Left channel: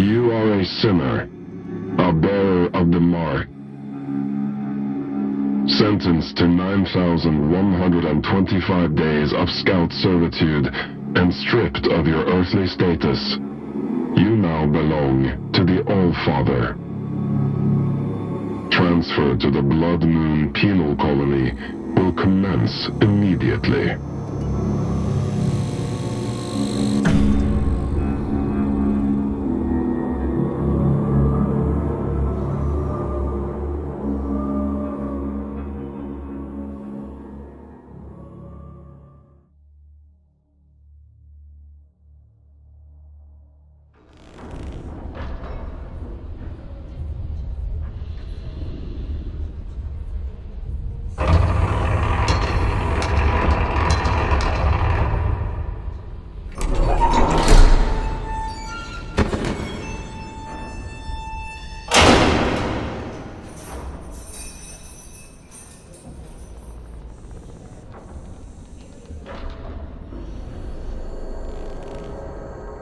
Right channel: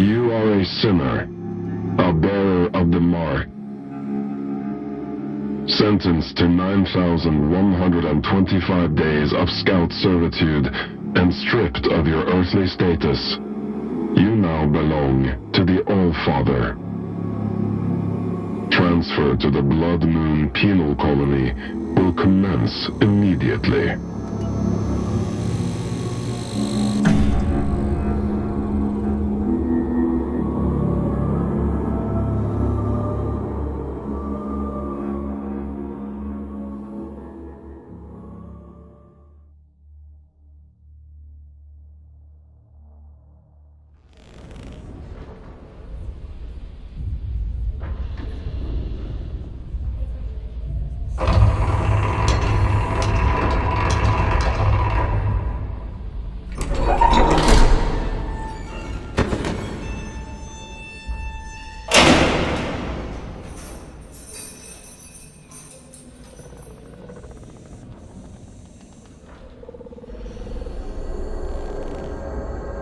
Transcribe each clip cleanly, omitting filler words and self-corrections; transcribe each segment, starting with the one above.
You are a sinner, a bearer of the mark, sentenced to 9,125 days of scout servitude and stripped of your earthly status. You now belong to the All-Father. Transfer to the Blood Moon Penal Colony will commence immediately.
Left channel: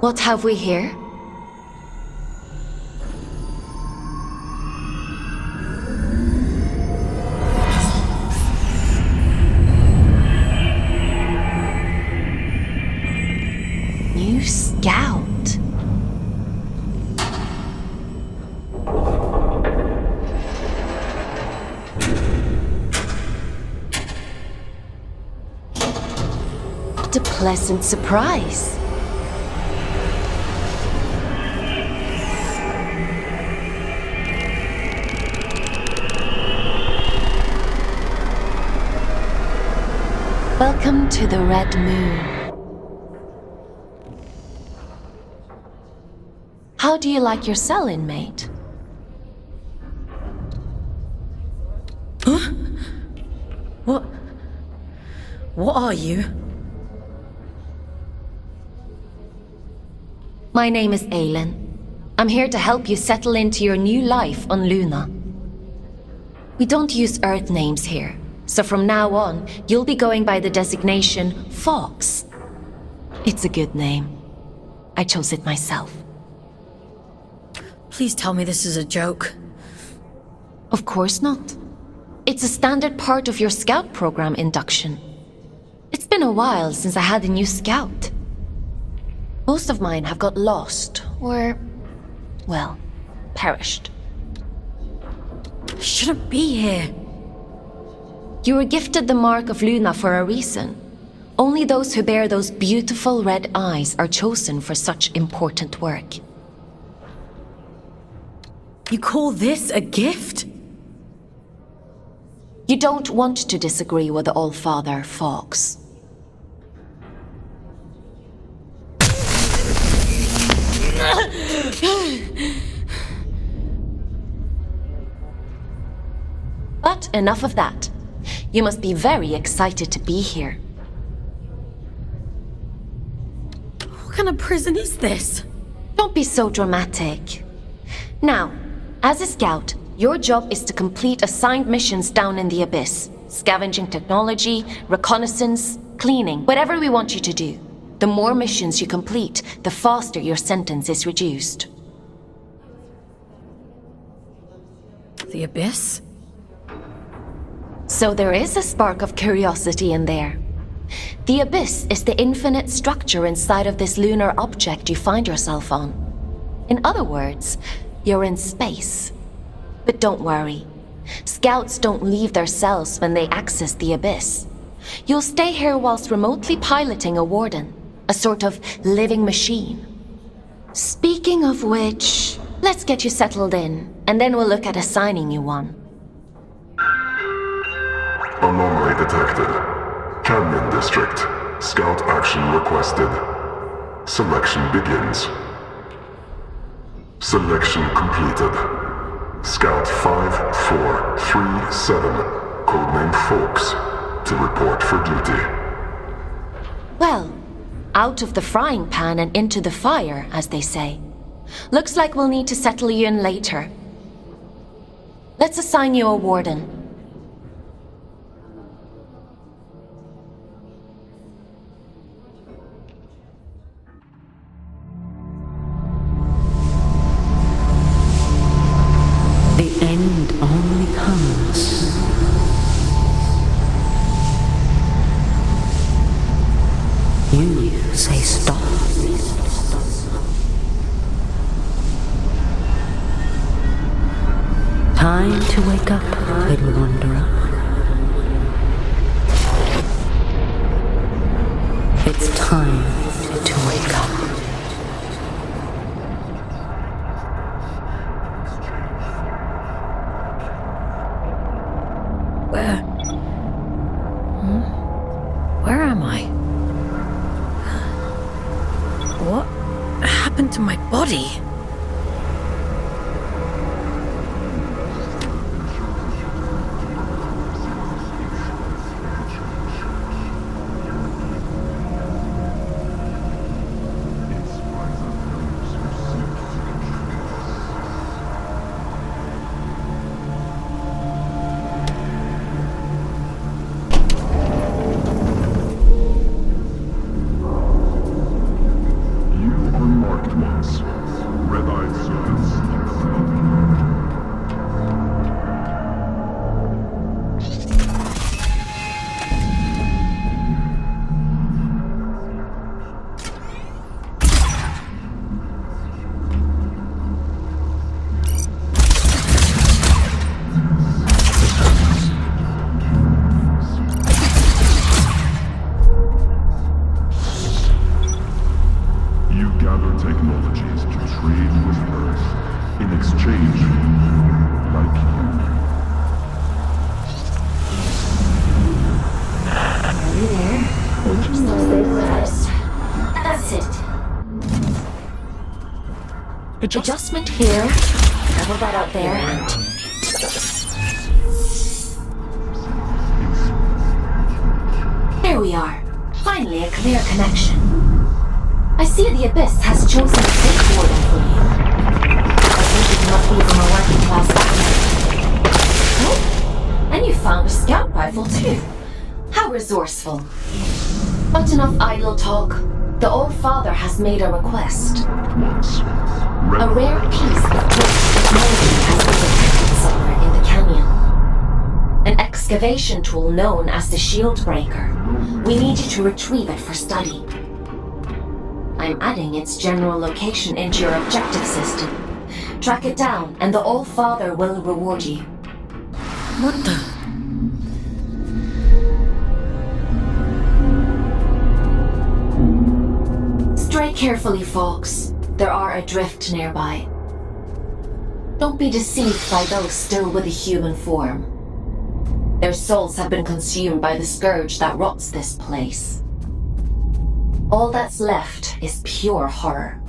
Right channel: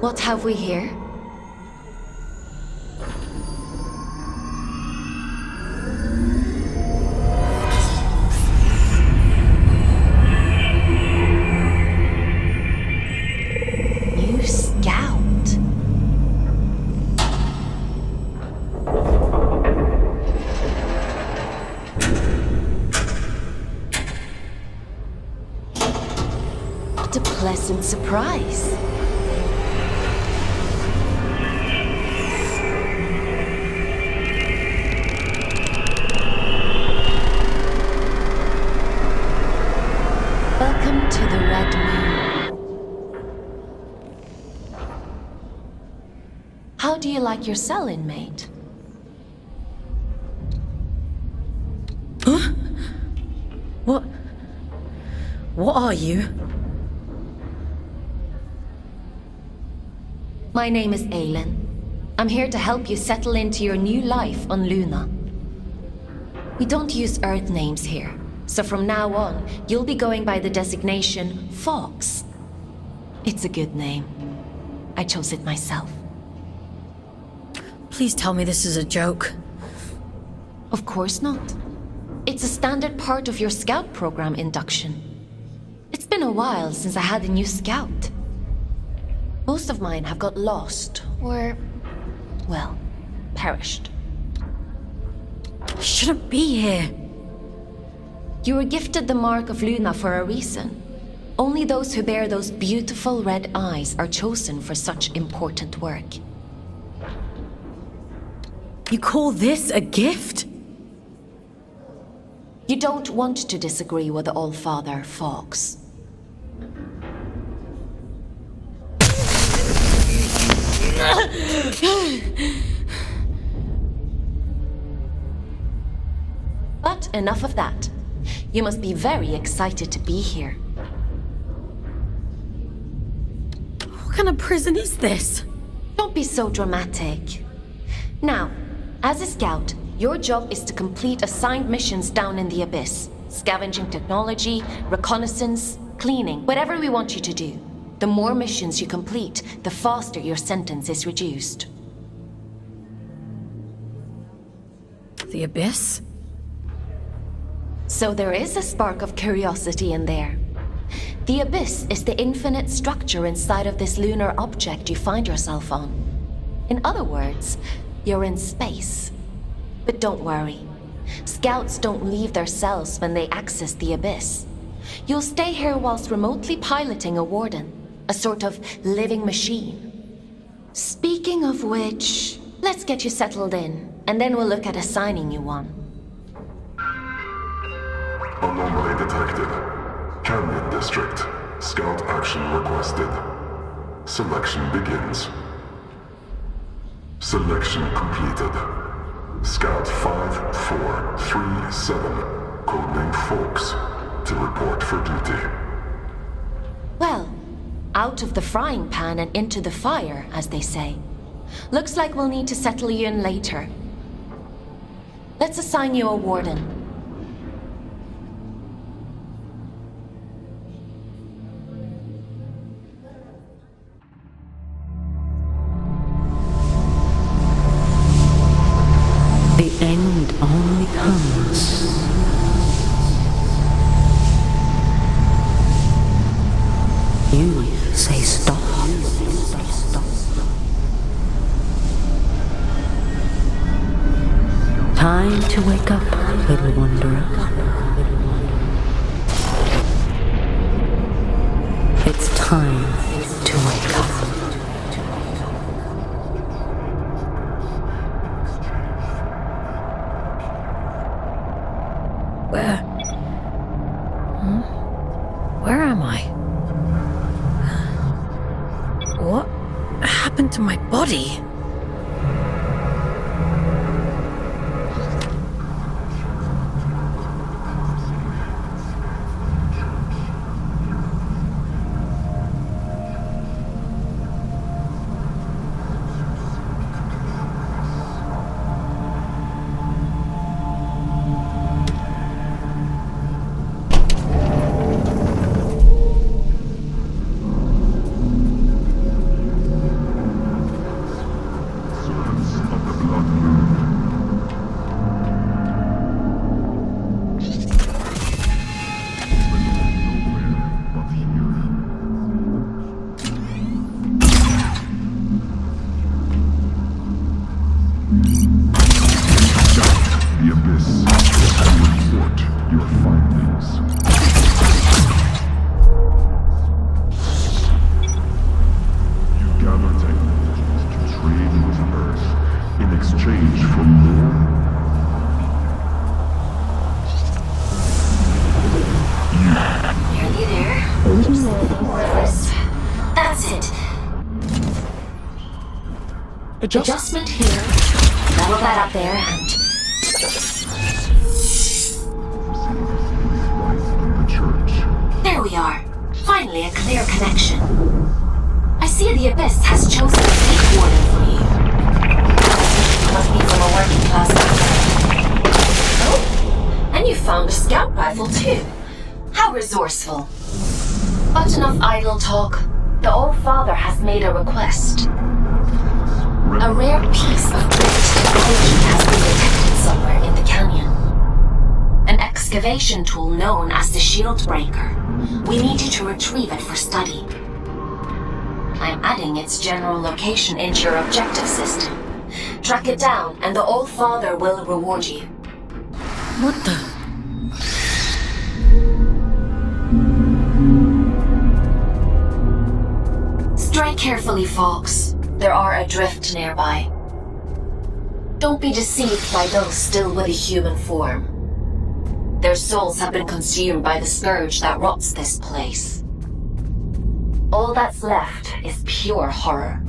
What have we here? New scout. What a pleasant surprise. Welcome to the Red Moon. How do you like your cell, inmate? Huh? What are you? My name is Aylin. I'm here to help you settle into your new life on Luna. We don't use Earth names here. So from now on, you'll be going by the designation Fox. It's a good name. I chose it myself. Please tell me this is a joke. Of course not. It's a standard part of your scout program induction. It's been a while since I had a new scout. Most of mine have got lost, or, well, perished. I shouldn't be here. You were gifted the mark of Luna for a reason. Only those who bear those beautiful red eyes are chosen for such important work. You call this a gift? You don't want to disagree with the All-Father, Fox. But enough of that. You must be very excited to be here. What kind of prison is this? Don't be so dramatic. Now, as a scout, your job is to complete assigned missions down in the Abyss. Scavenging technology, reconnaissance, cleaning, whatever we want you to do. The more missions you complete, the faster your sentence is reduced. The Abyss? So there is a spark of curiosity in there. The Abyss is the infinite structure inside of this lunar object you find yourself on. In other words, you're in space. But don't worry. Scouts don't leave their cells when they access the Abyss. You'll stay here whilst remotely piloting a warden, a sort of living machine. Speaking of which, let's get you settled in, and then we'll look at assigning you one. Anomaly detected. Canyon District. Scout action requested. Selection begins. Selection completed. Scout 5437, codename Fox, to report for duty. Well, out of the frying pan and into the fire, as they say. Looks like we'll need to settle you in later. Let's assign you a warden. time to wake up, little wanderer. It's time to wake up. Where am I? What happened to my body? That's it. Adjustment here. Level that up there and... There we are. Finally a clear connection. I see the Abyss has chosen a safe order for you. You must be from a working class background. Oh, and you found a scout rifle too. How resourceful. But enough idle talk. The Old Father has made a request. A rare piece of great technology has been detected somewhere in the canyon. An excavation tool known as the Shield Breaker. We need you to retrieve it for study. I'm adding its general location into your objective system. Track it down, and the Old Father will reward you. What the? Strike carefully, Fox. There are adrift nearby. Don't be deceived by those still with a human form. Their souls have been consumed by the scourge that rots this place. All that's left is pure horror.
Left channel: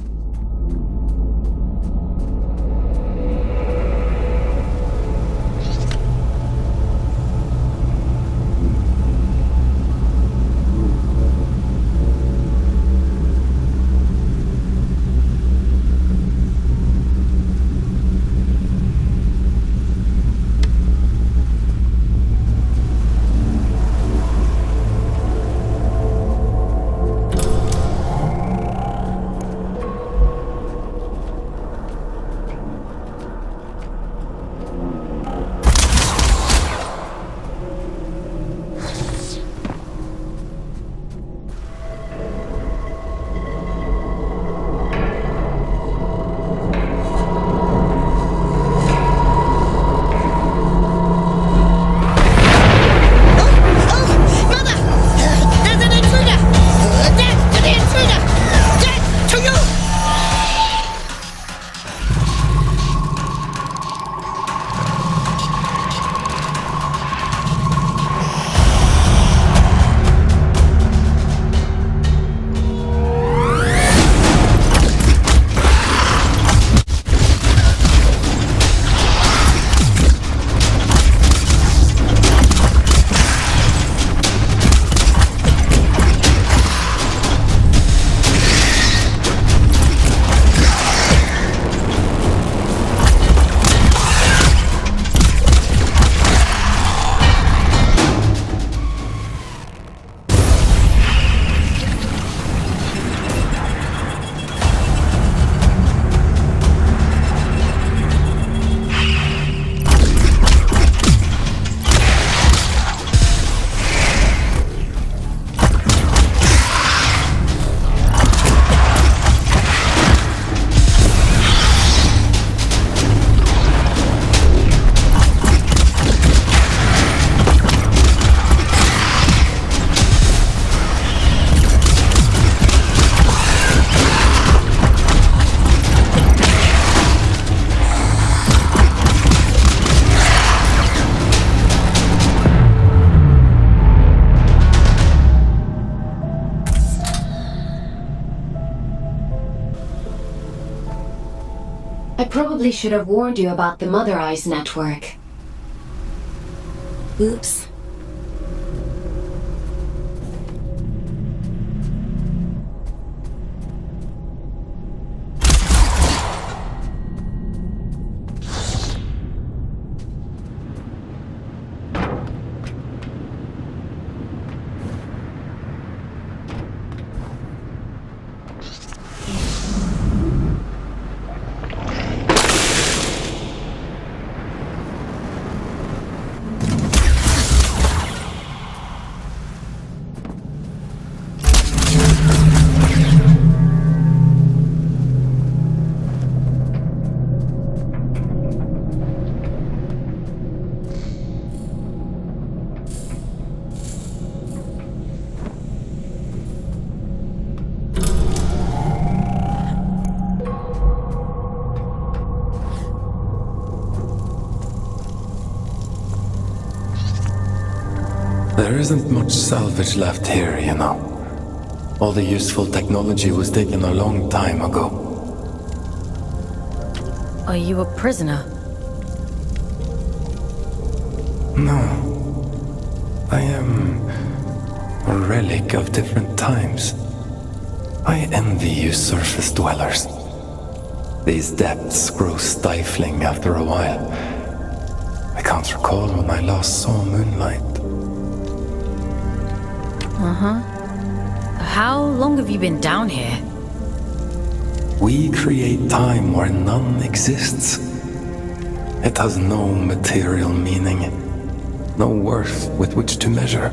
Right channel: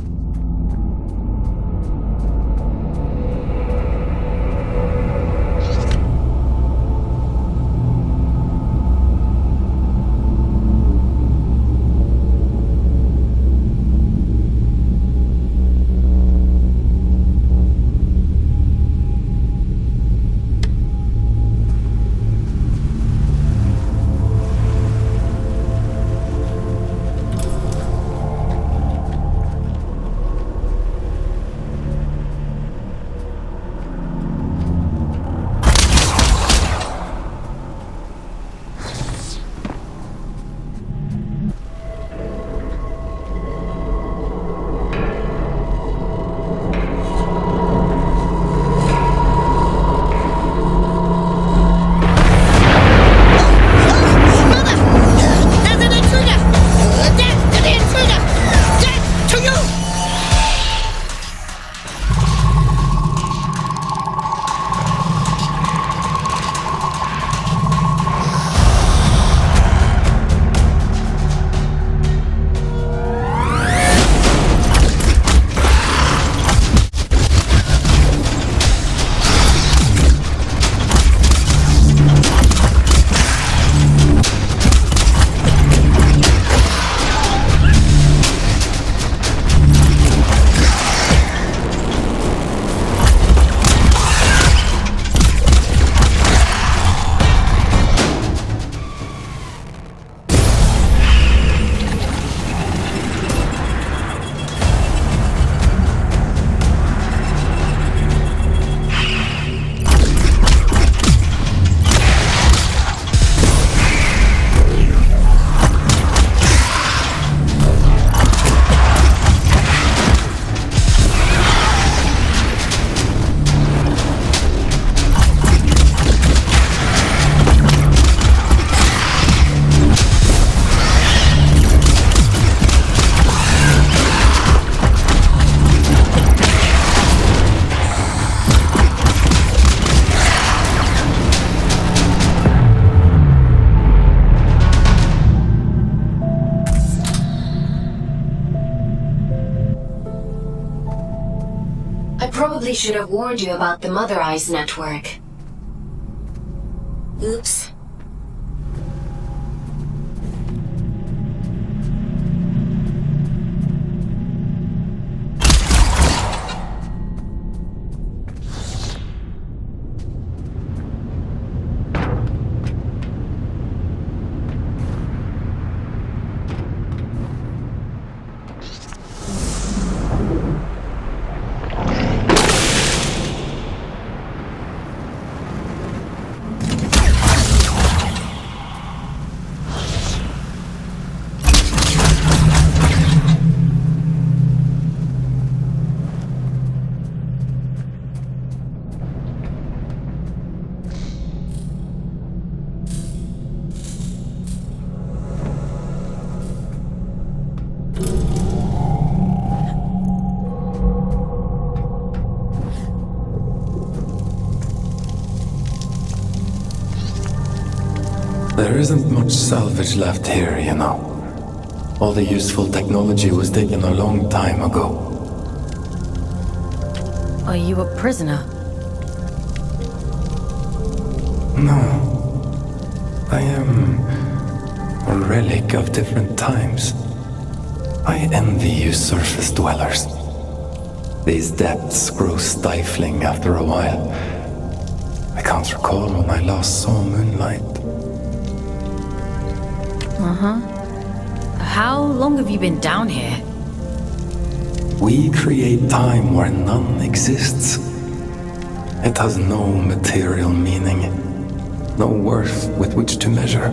probably should have warned you about the Mother Eyes network. Oops. There isn't much salvage left here, you know. All the useful technology was taken a long time ago. Are you a prisoner? No. I am a relic of different times. I envy you surface dwellers. These depths grow stifling after a while. I can't recall when I last saw moonlight. How long have you been down here? We create time where none exists. It has no material meaning, no worth with which to measure.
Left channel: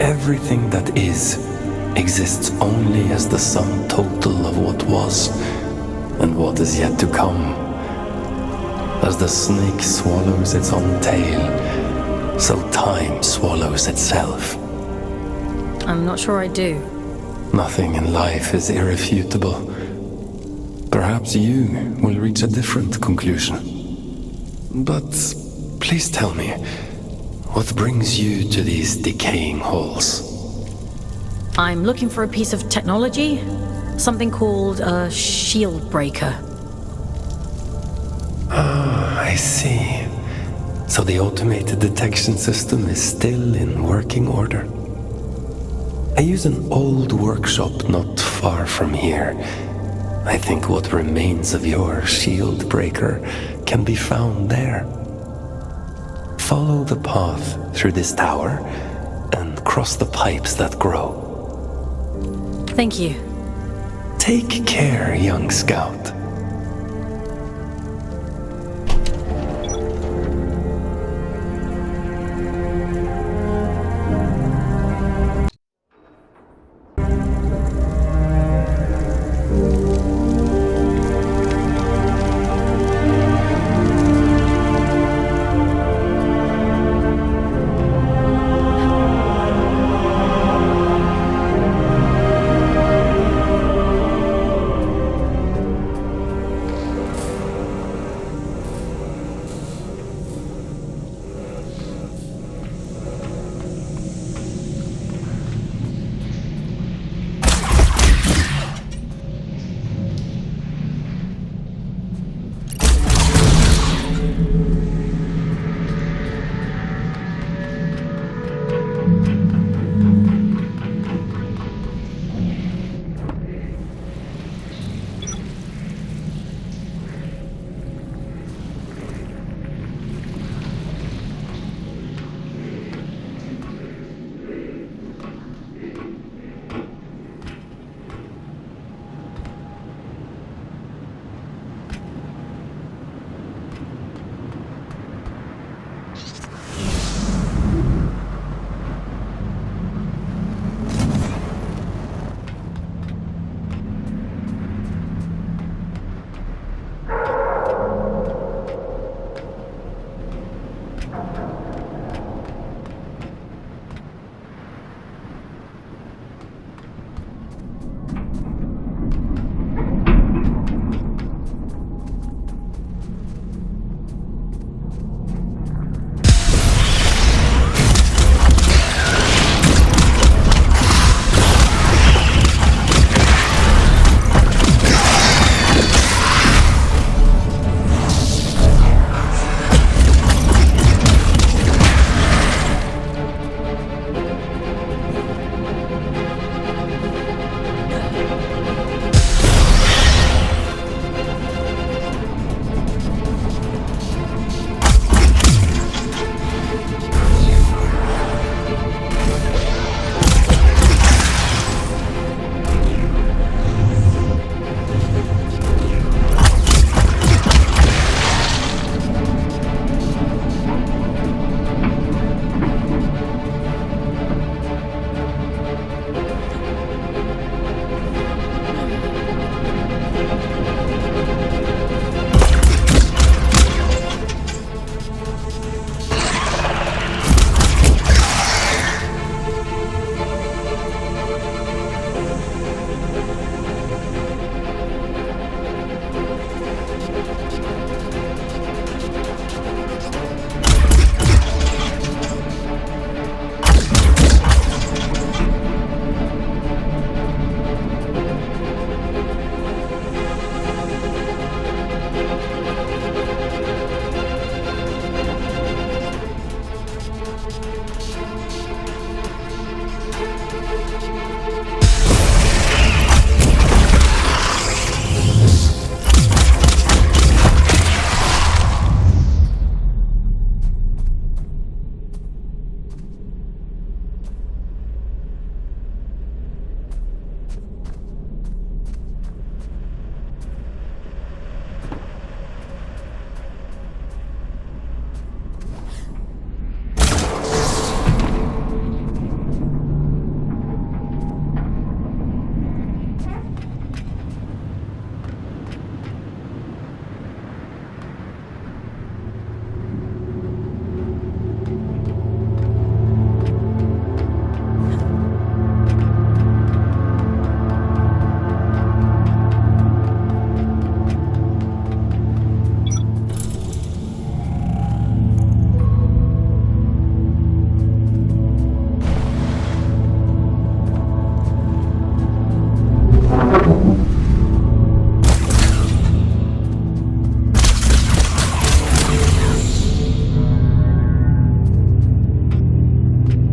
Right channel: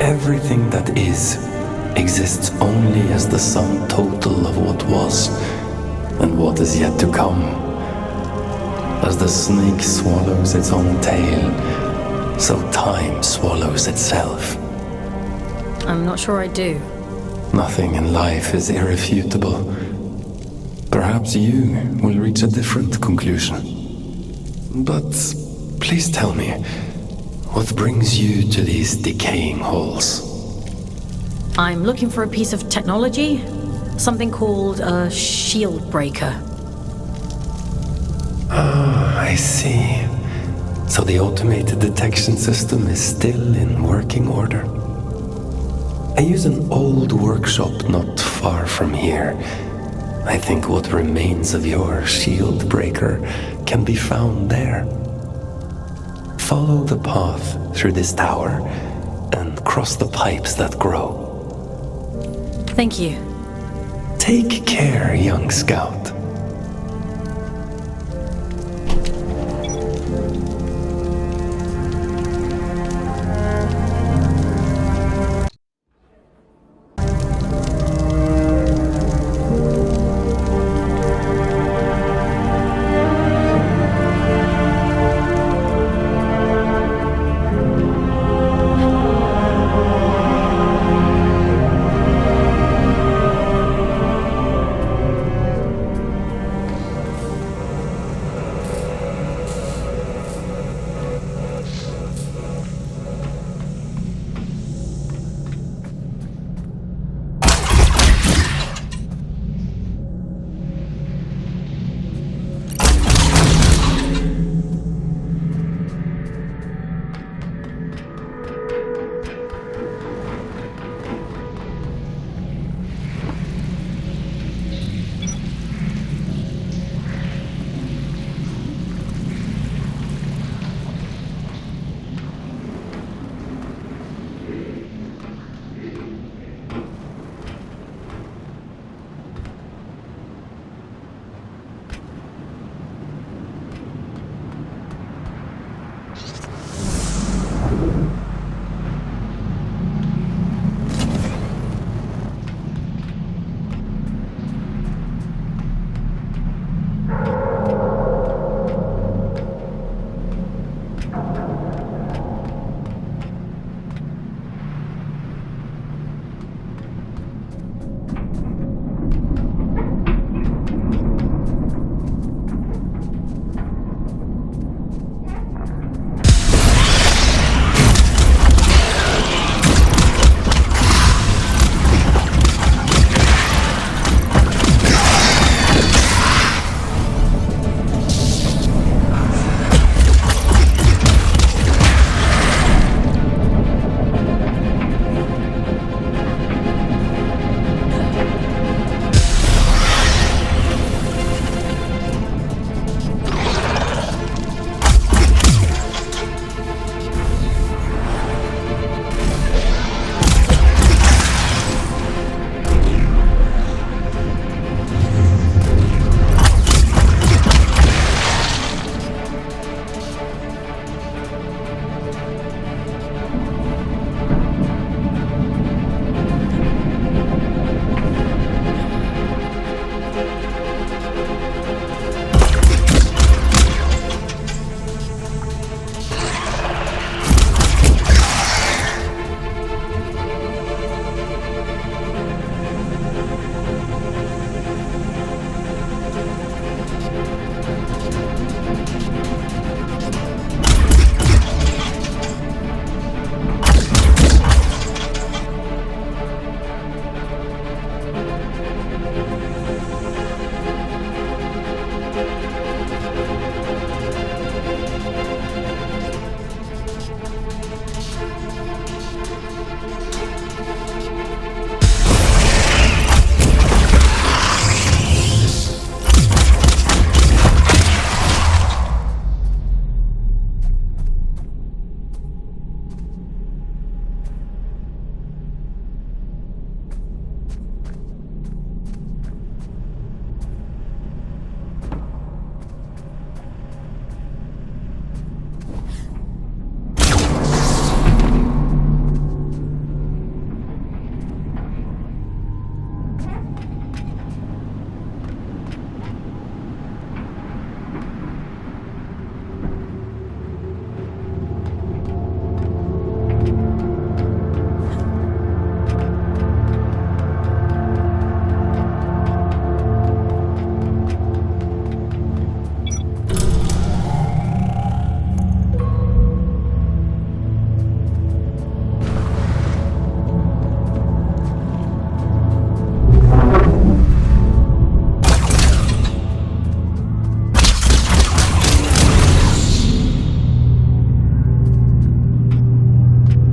Everything that is exists only as the sum total of what was and what is yet to come. As the snake swallows its own tail, so time swallows itself. I'm not sure I do. Nothing in life is irrefutable. Perhaps you will reach a different conclusion. But please tell me, what brings you to these decaying halls? I'm looking for a piece of technology. Something called a shield breaker. Ah, I see. So the automated detection system is still in working order. I use an old workshop not far from here. I think what remains of your shield breaker can be found there. Follow the path through this tower and cross the pipes that grow. Thank you. Take care, young scout.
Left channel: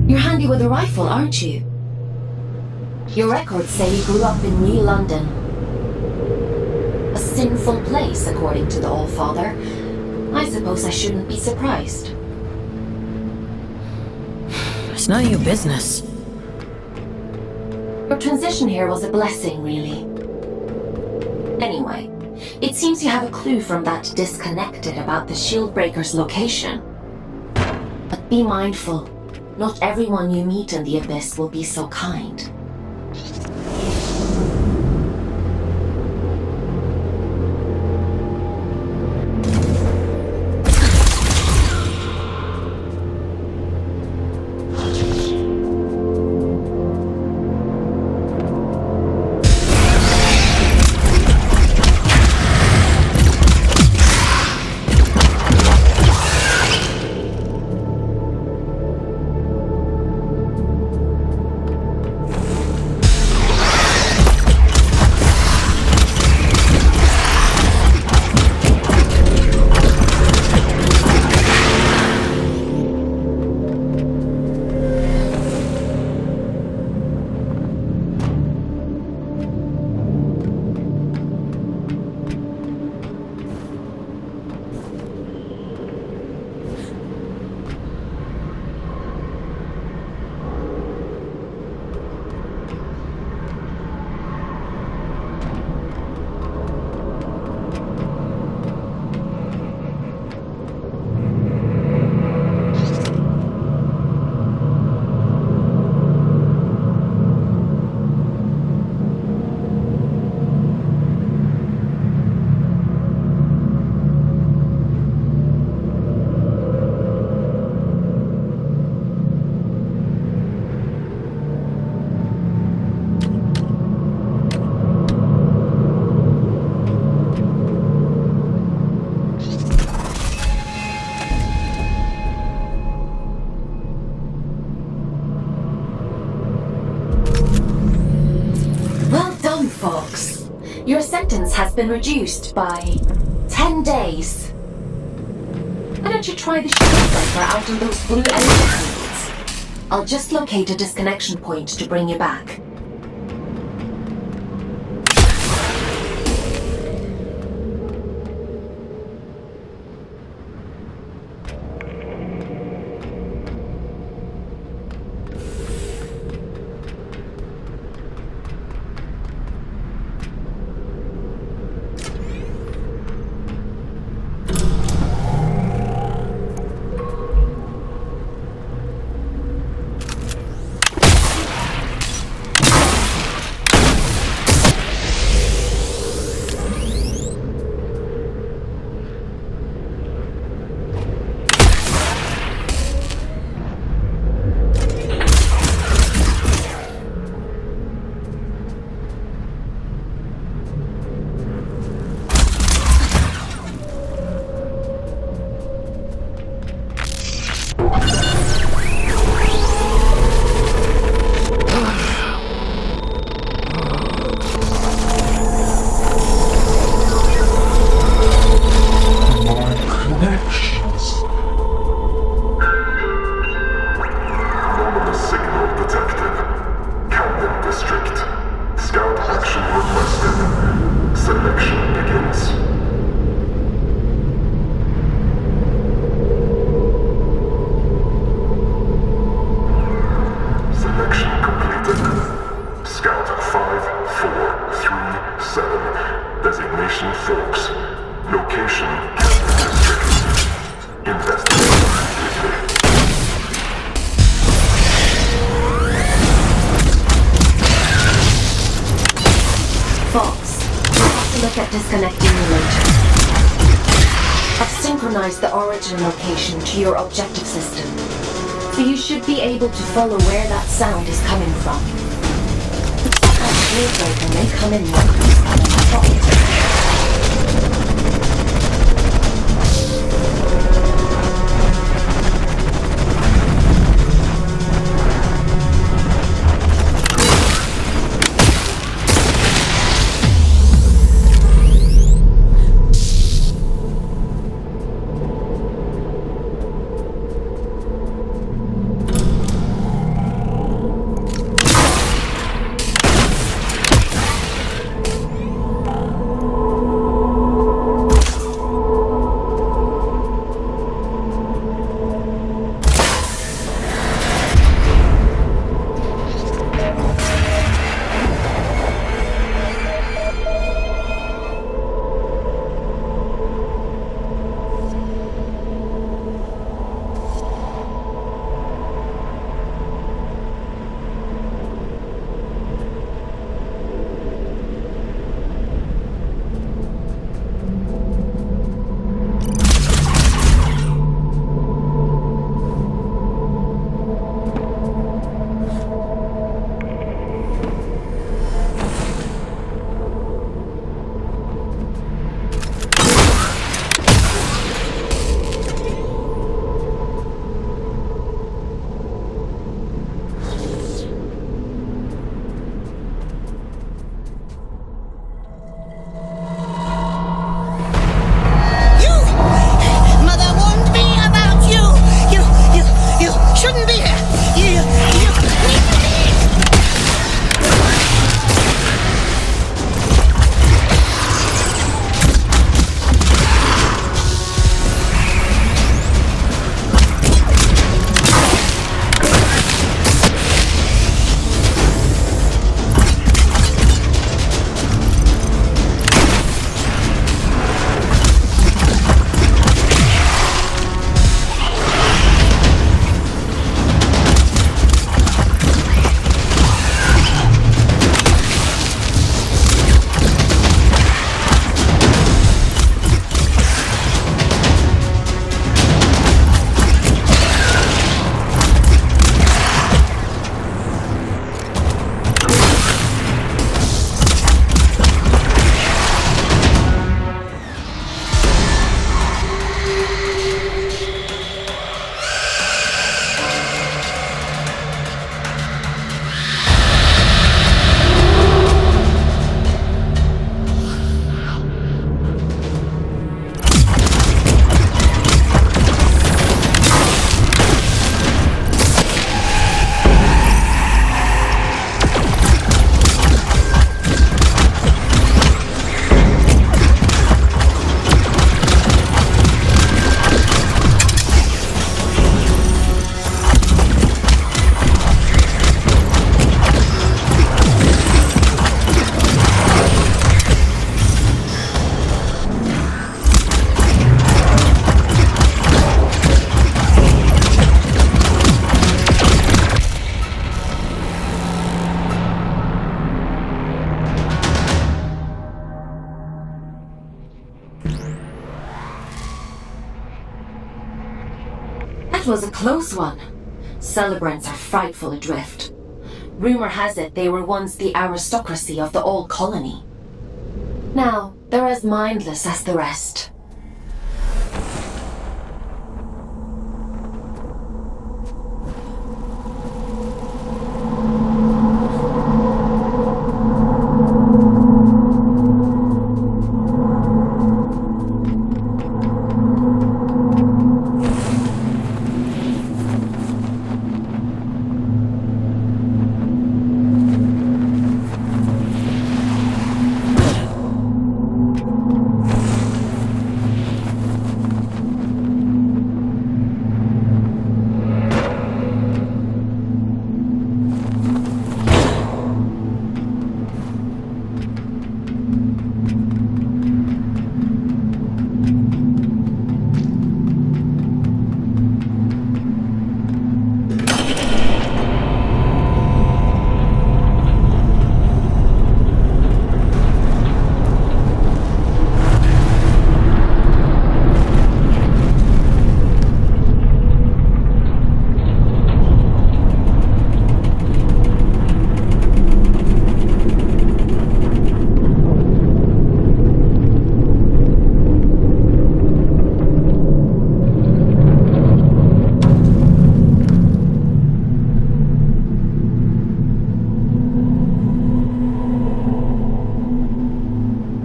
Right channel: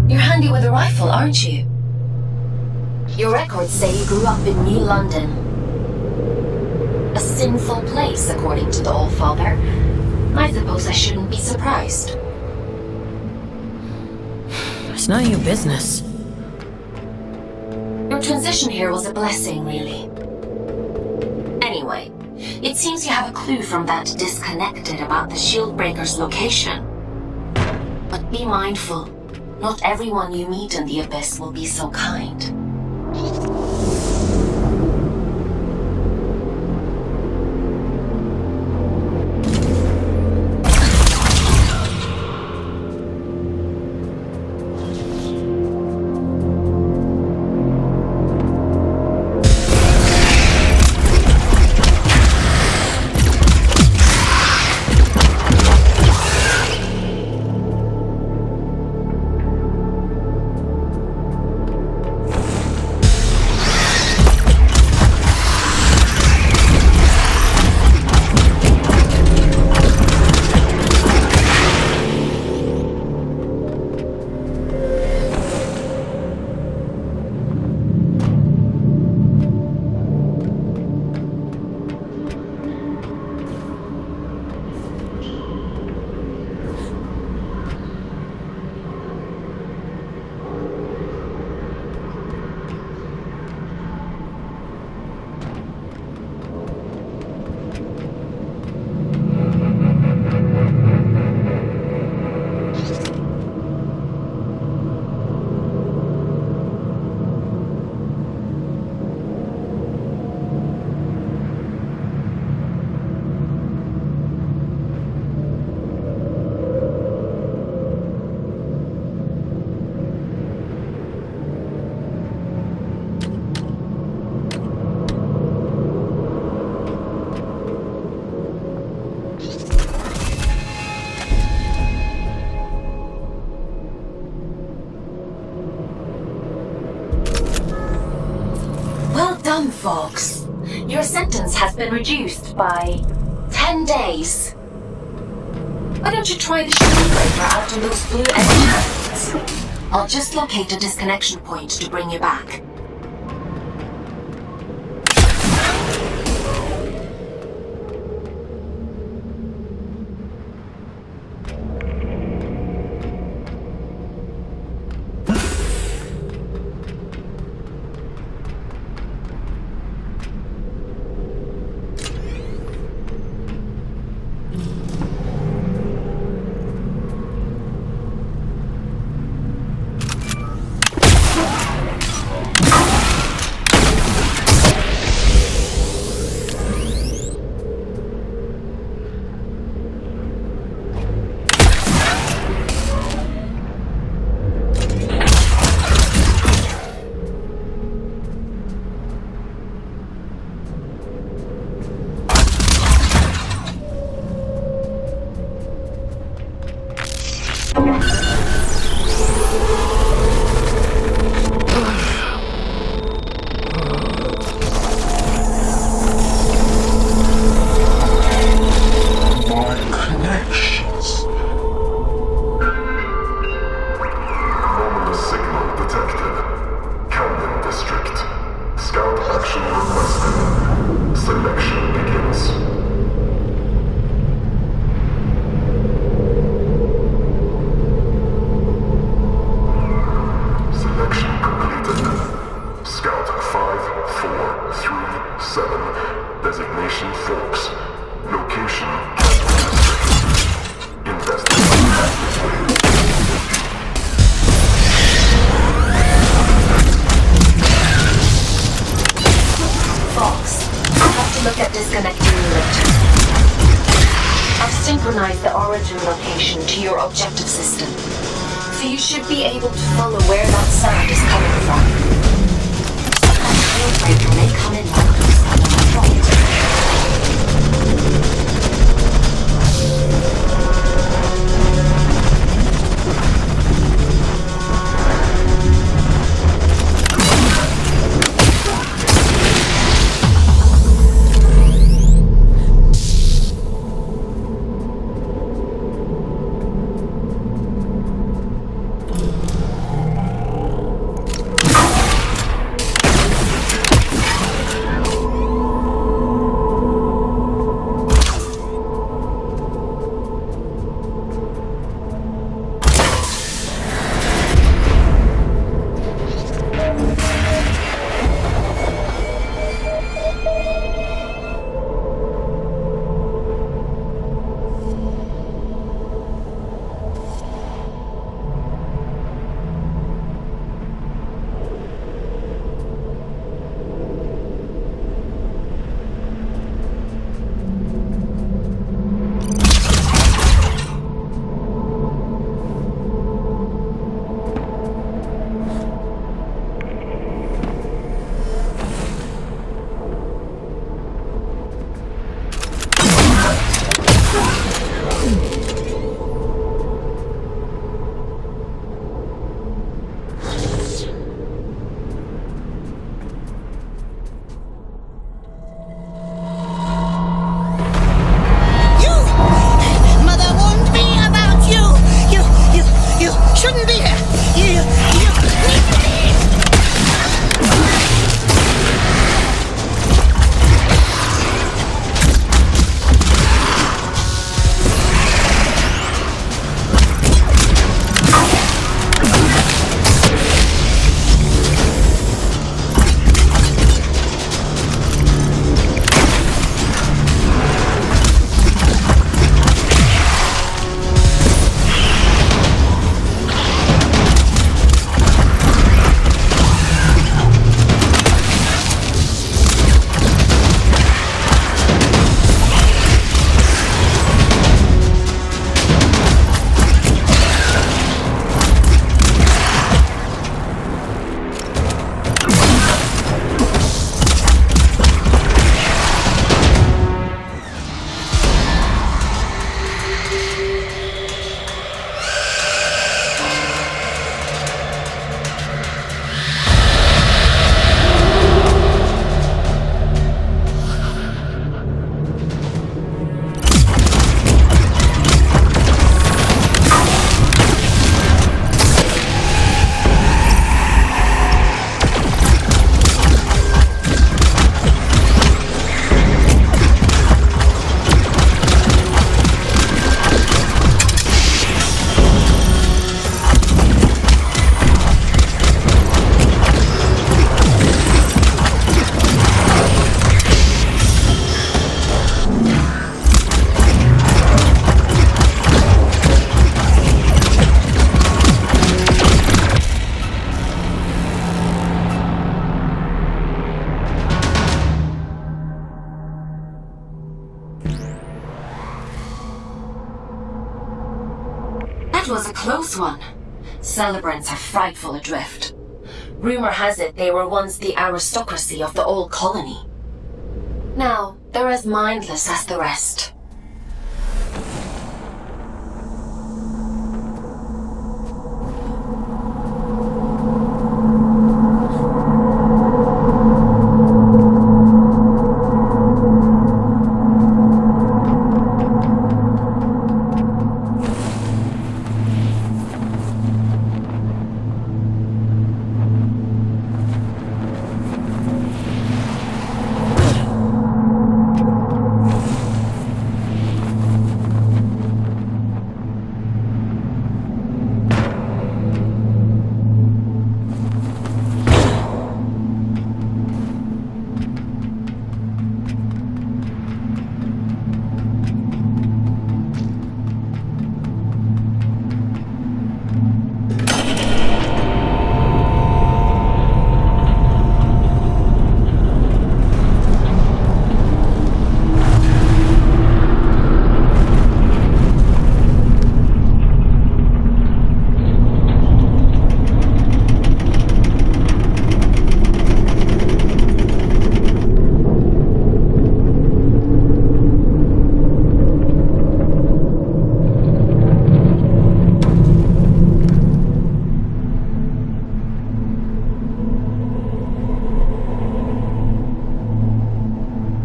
You're handy with a rifle, aren't you? Your records say you grew up in New London. A sinful place, according to the All-Father. I suppose I shouldn't be surprised. It's none of your business. Your transition here was a blessing, really. Anyway, it seems you have a clue from that disconnected about the Shieldbreaker's location. But be mindful. Not everyone you meet in the Abyss will be so kind. Your sentence has been reduced by 10 days. Why don't you try the Shieldbreaker out on those blue encampments? I'll just locate a disconnection point to bring you back. 兄弟！你！That was a close one. Celebrants are frightful adrift. Rumor has it they were once the aristocracy of the old colony. Now, they're as mindless as the rest.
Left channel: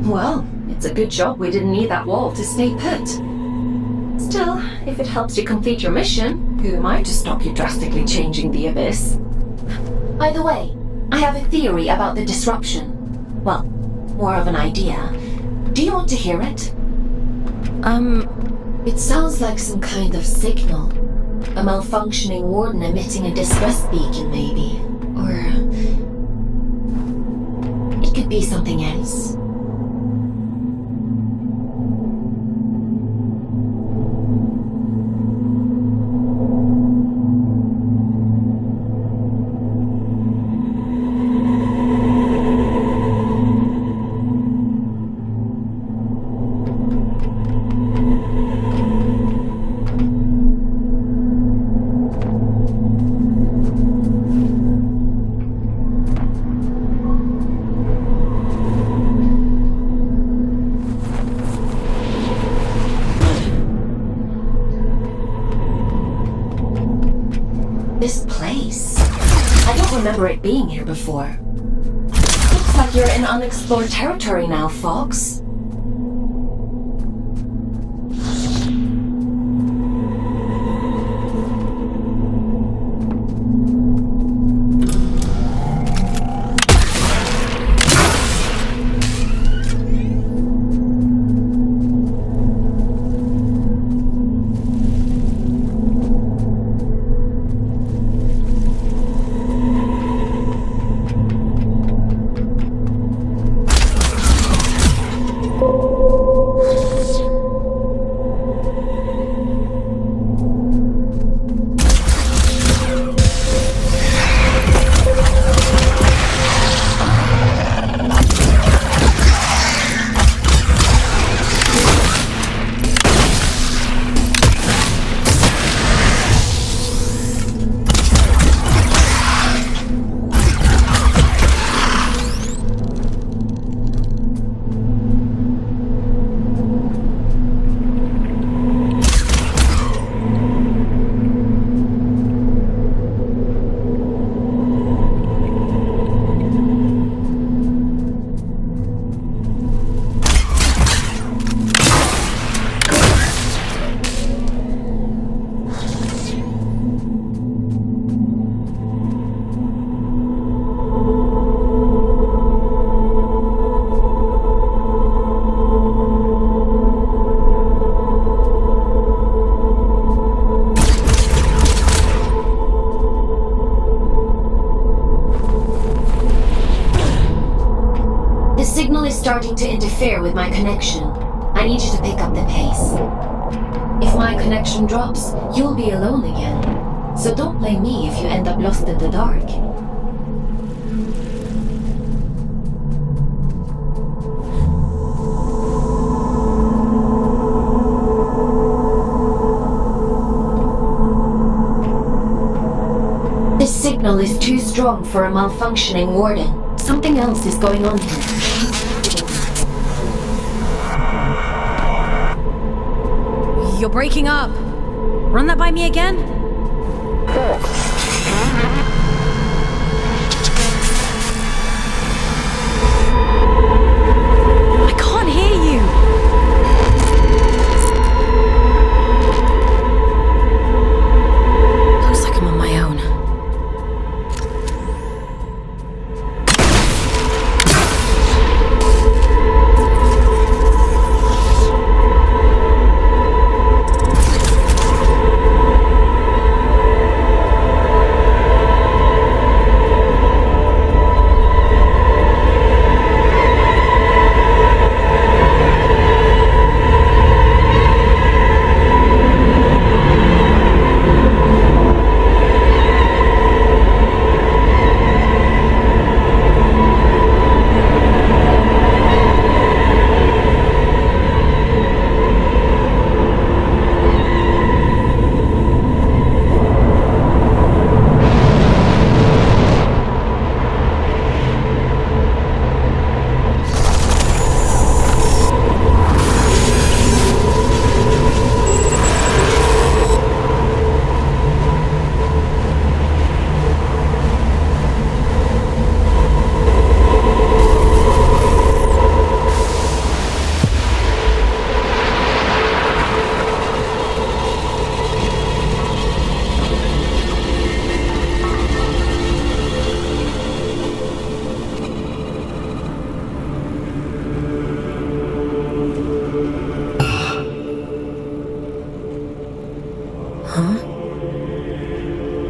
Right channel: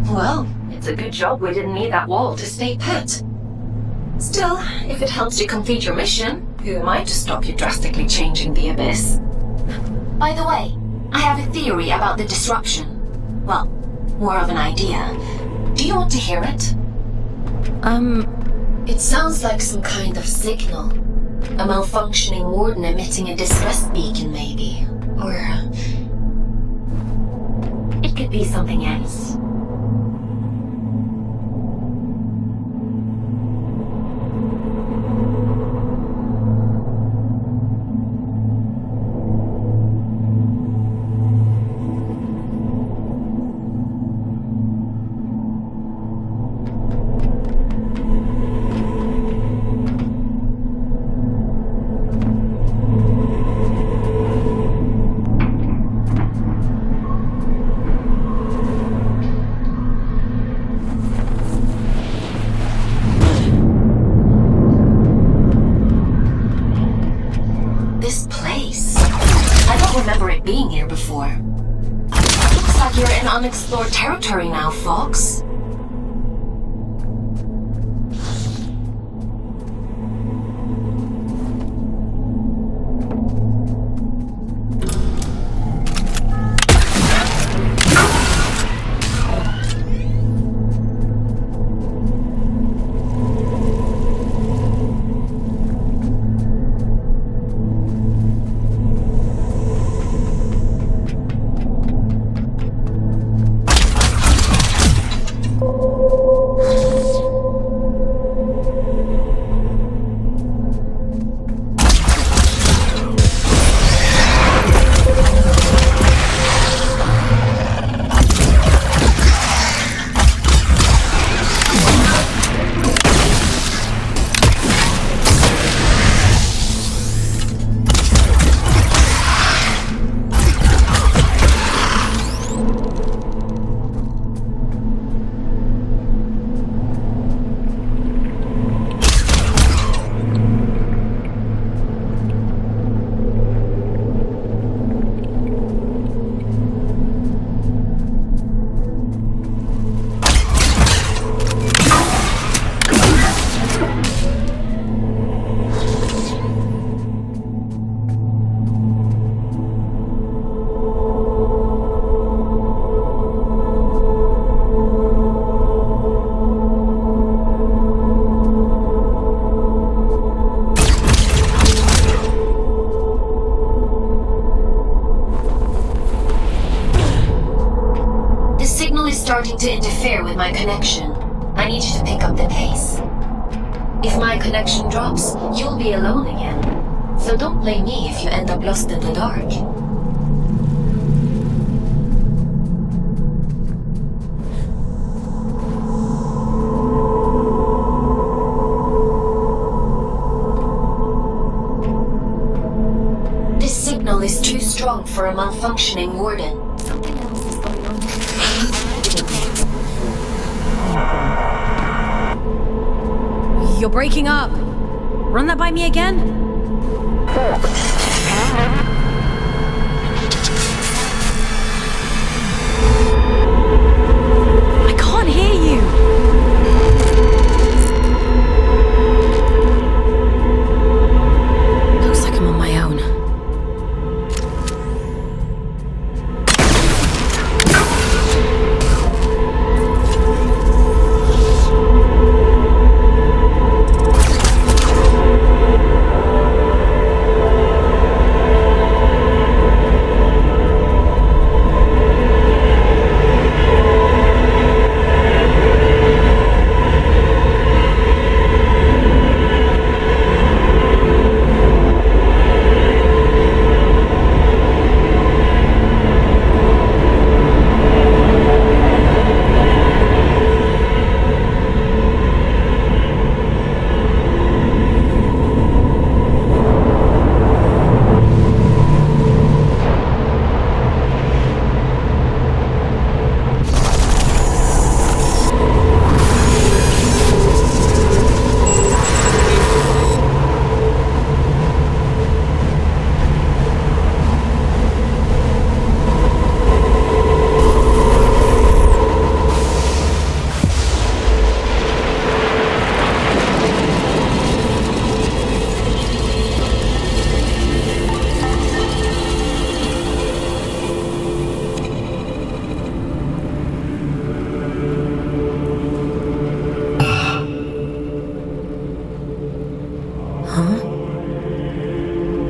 Well, it's a good job we didn't need that wall to stay put. Still, if it helps you complete your mission, who am I to stop you drastically changing the Abyss? By the way, I have a theory about the disruption. Well, more of an idea. Do you want to hear it? It sounds like some kind of signal. A malfunctioning warden emitting a distress beacon, maybe. Or... it could be something else. This place. I don't remember it being here before. Looks like you're in unexplored territory now, Fox. my connection. I need you to pick up the pace. If my connection drops, you'll be alone again. So don't blame me if you end up lost in the dark. This signal is too strong for a malfunctioning warden. Something else is going on here. You're breaking up. Run that by me again? I can't hear you. Looks like I'm on my own.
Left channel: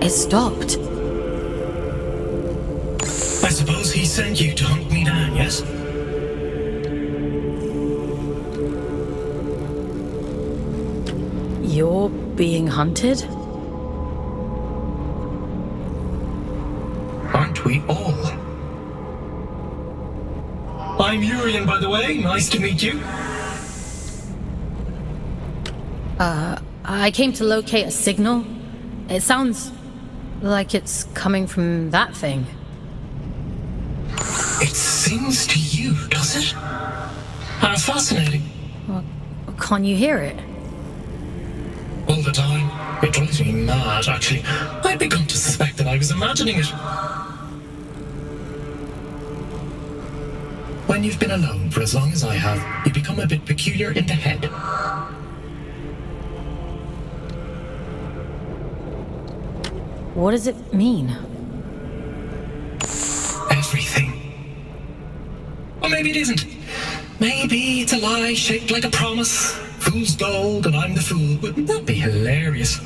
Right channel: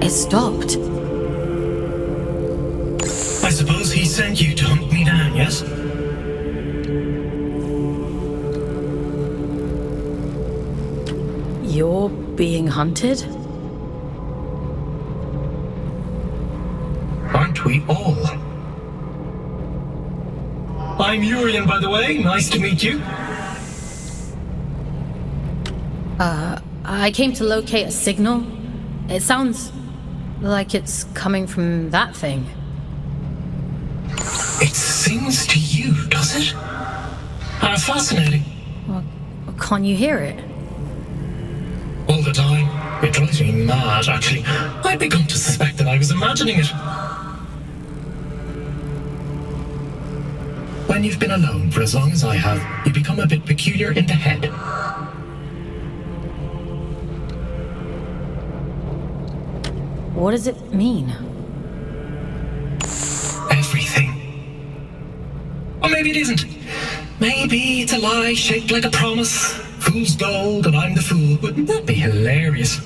It stopped. I suppose he sent you to hunt me down, yes? You're being hunted? Aren't we all? I'm Urian, by the way. Nice to meet you. I came to locate a signal. It sounds like it's coming from that thing. It sings to you, does it? How fascinating. Well, can't you hear it? All the time. It drives me mad, actually. I'd begun to suspect that I was imagining it. When you've been alone for as long as I have, you become a bit peculiar in the head. What does it mean? Everything. Or maybe it isn't. Maybe it's a lie shaped like a promise. Fool's gold and I'm the fool. Wouldn't that be hilarious?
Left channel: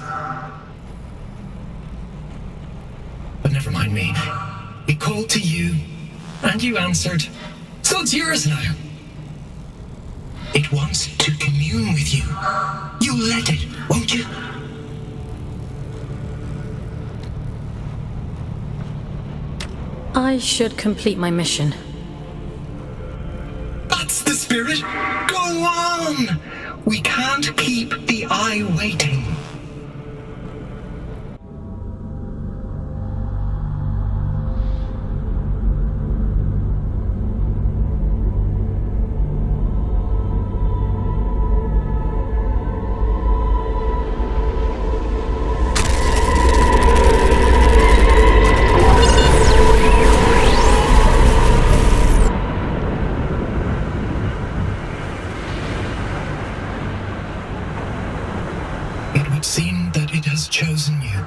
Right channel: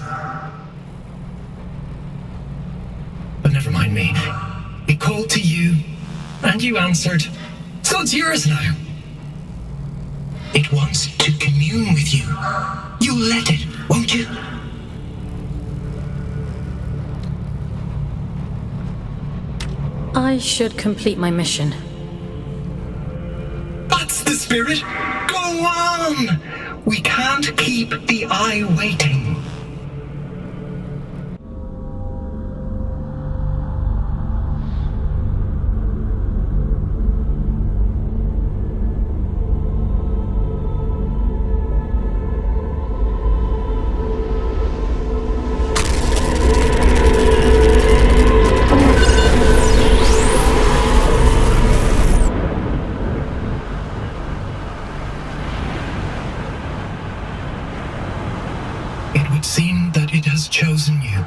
But never mind me. It called to you, and you answered. So it's yours now. It wants to commune with you. You'll let it, won't you? I should complete my mission. That's the spirit. Go on. We can't keep the eye waiting. It would seem that it has chosen you.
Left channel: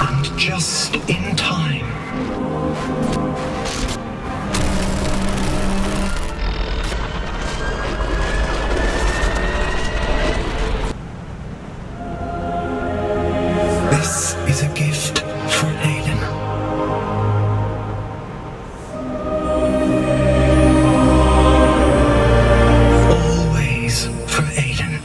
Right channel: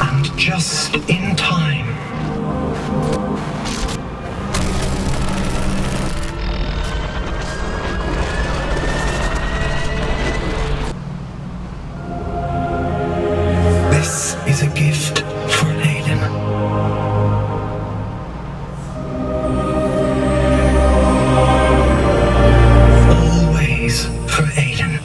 And just in time. This is a gift for Aiden. Always for Aiden.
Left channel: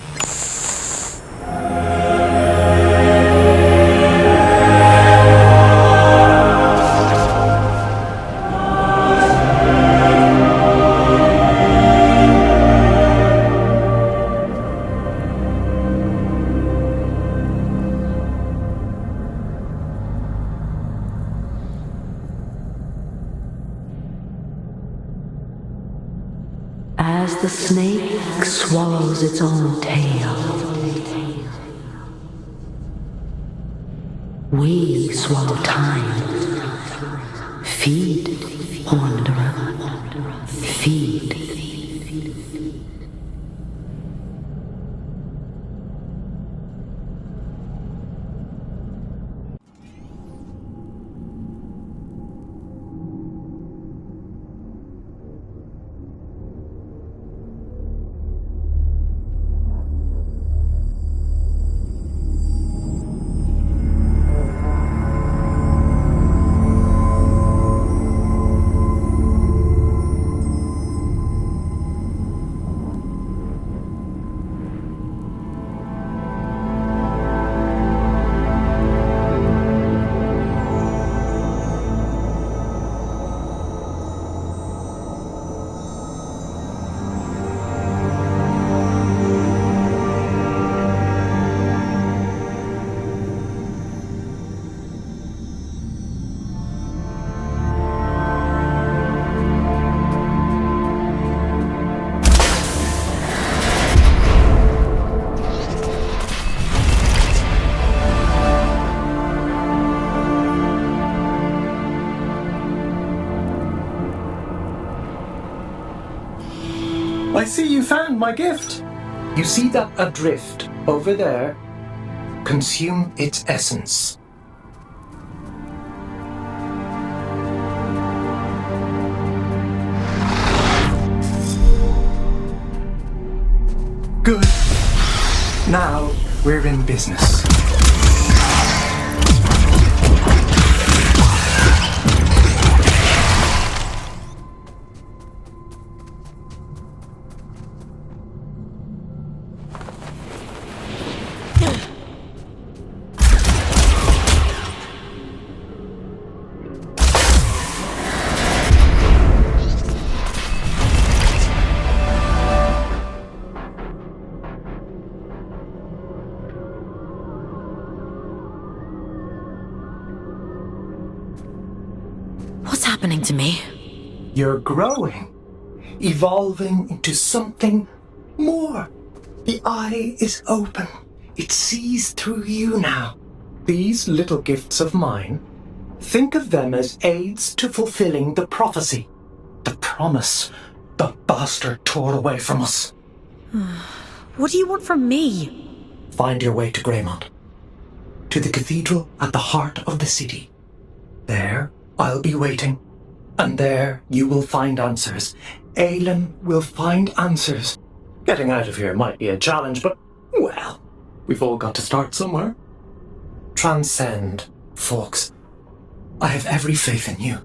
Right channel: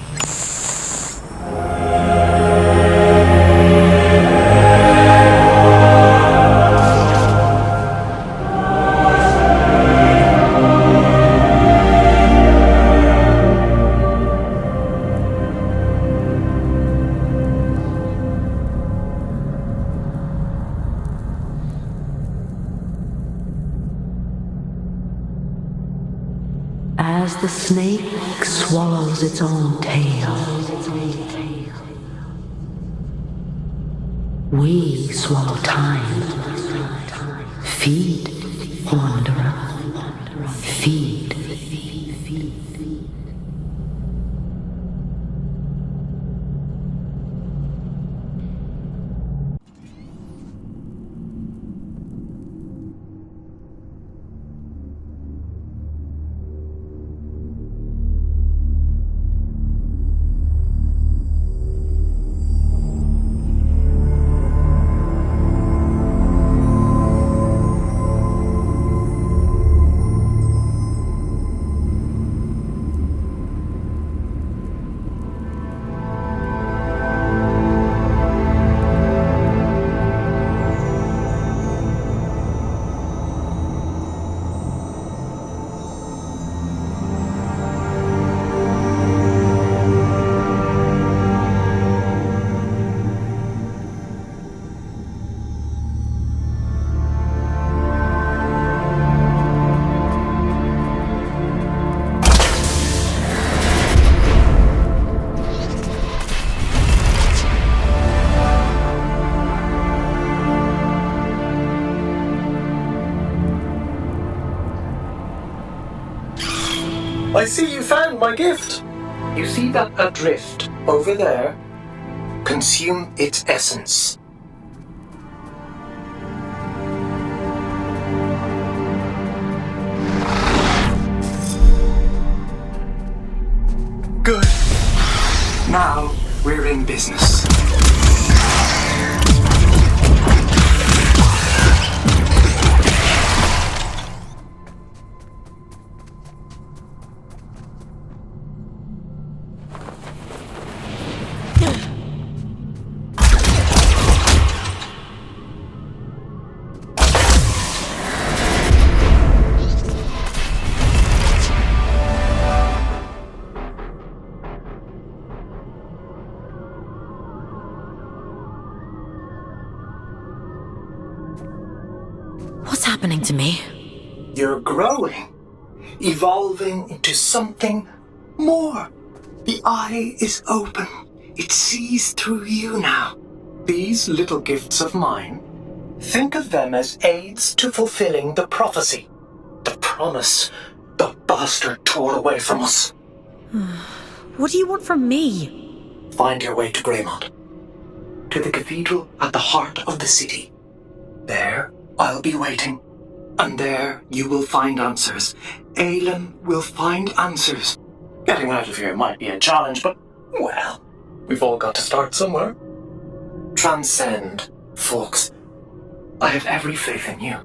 As the snake swallows its own tail, we swallow time. Feed, wanderer, feed. I see you found my gift. You see that adrift over there? Consume its essence. Good. Now we're in business. What's happening to me? You're growing, evolving into something more. The eye is open. It sees through you now. These little gifts of mine, think of them as aids to fulfilling the prophecy, the promise the bastard tore away from us. What do you want from me? Find your way to Greymont, to the cathedral at the heart of the city. There, I'll be waiting, and there you will find answers. Aelin will find answers. Getting out of here might be a challenge, but, well, we've all got to start somewhere. Transcend, folks. I have every faith in you.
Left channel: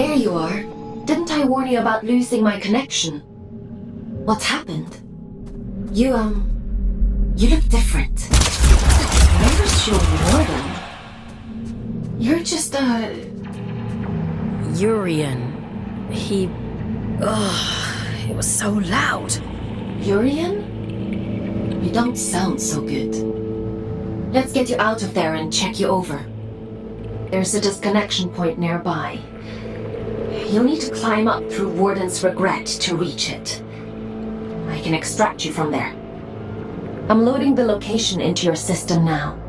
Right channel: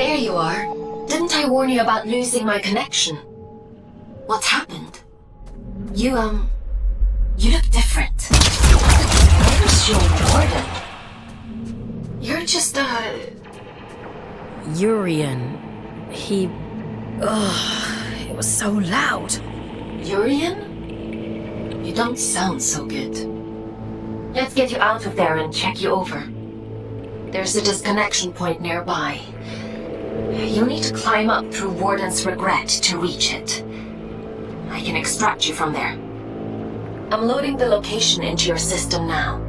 There you are. Didn't I warn you about losing my connection? What's happened? You look different. Sure. You're just, Urian. He... Ugh, it was so loud. Urian? You don't sound so good. Let's get you out of there and check you over. There's a disconnection point nearby. You'll need to climb up through Warden's Regret to reach it. I can extract you from there. I'm loading the location into your system now.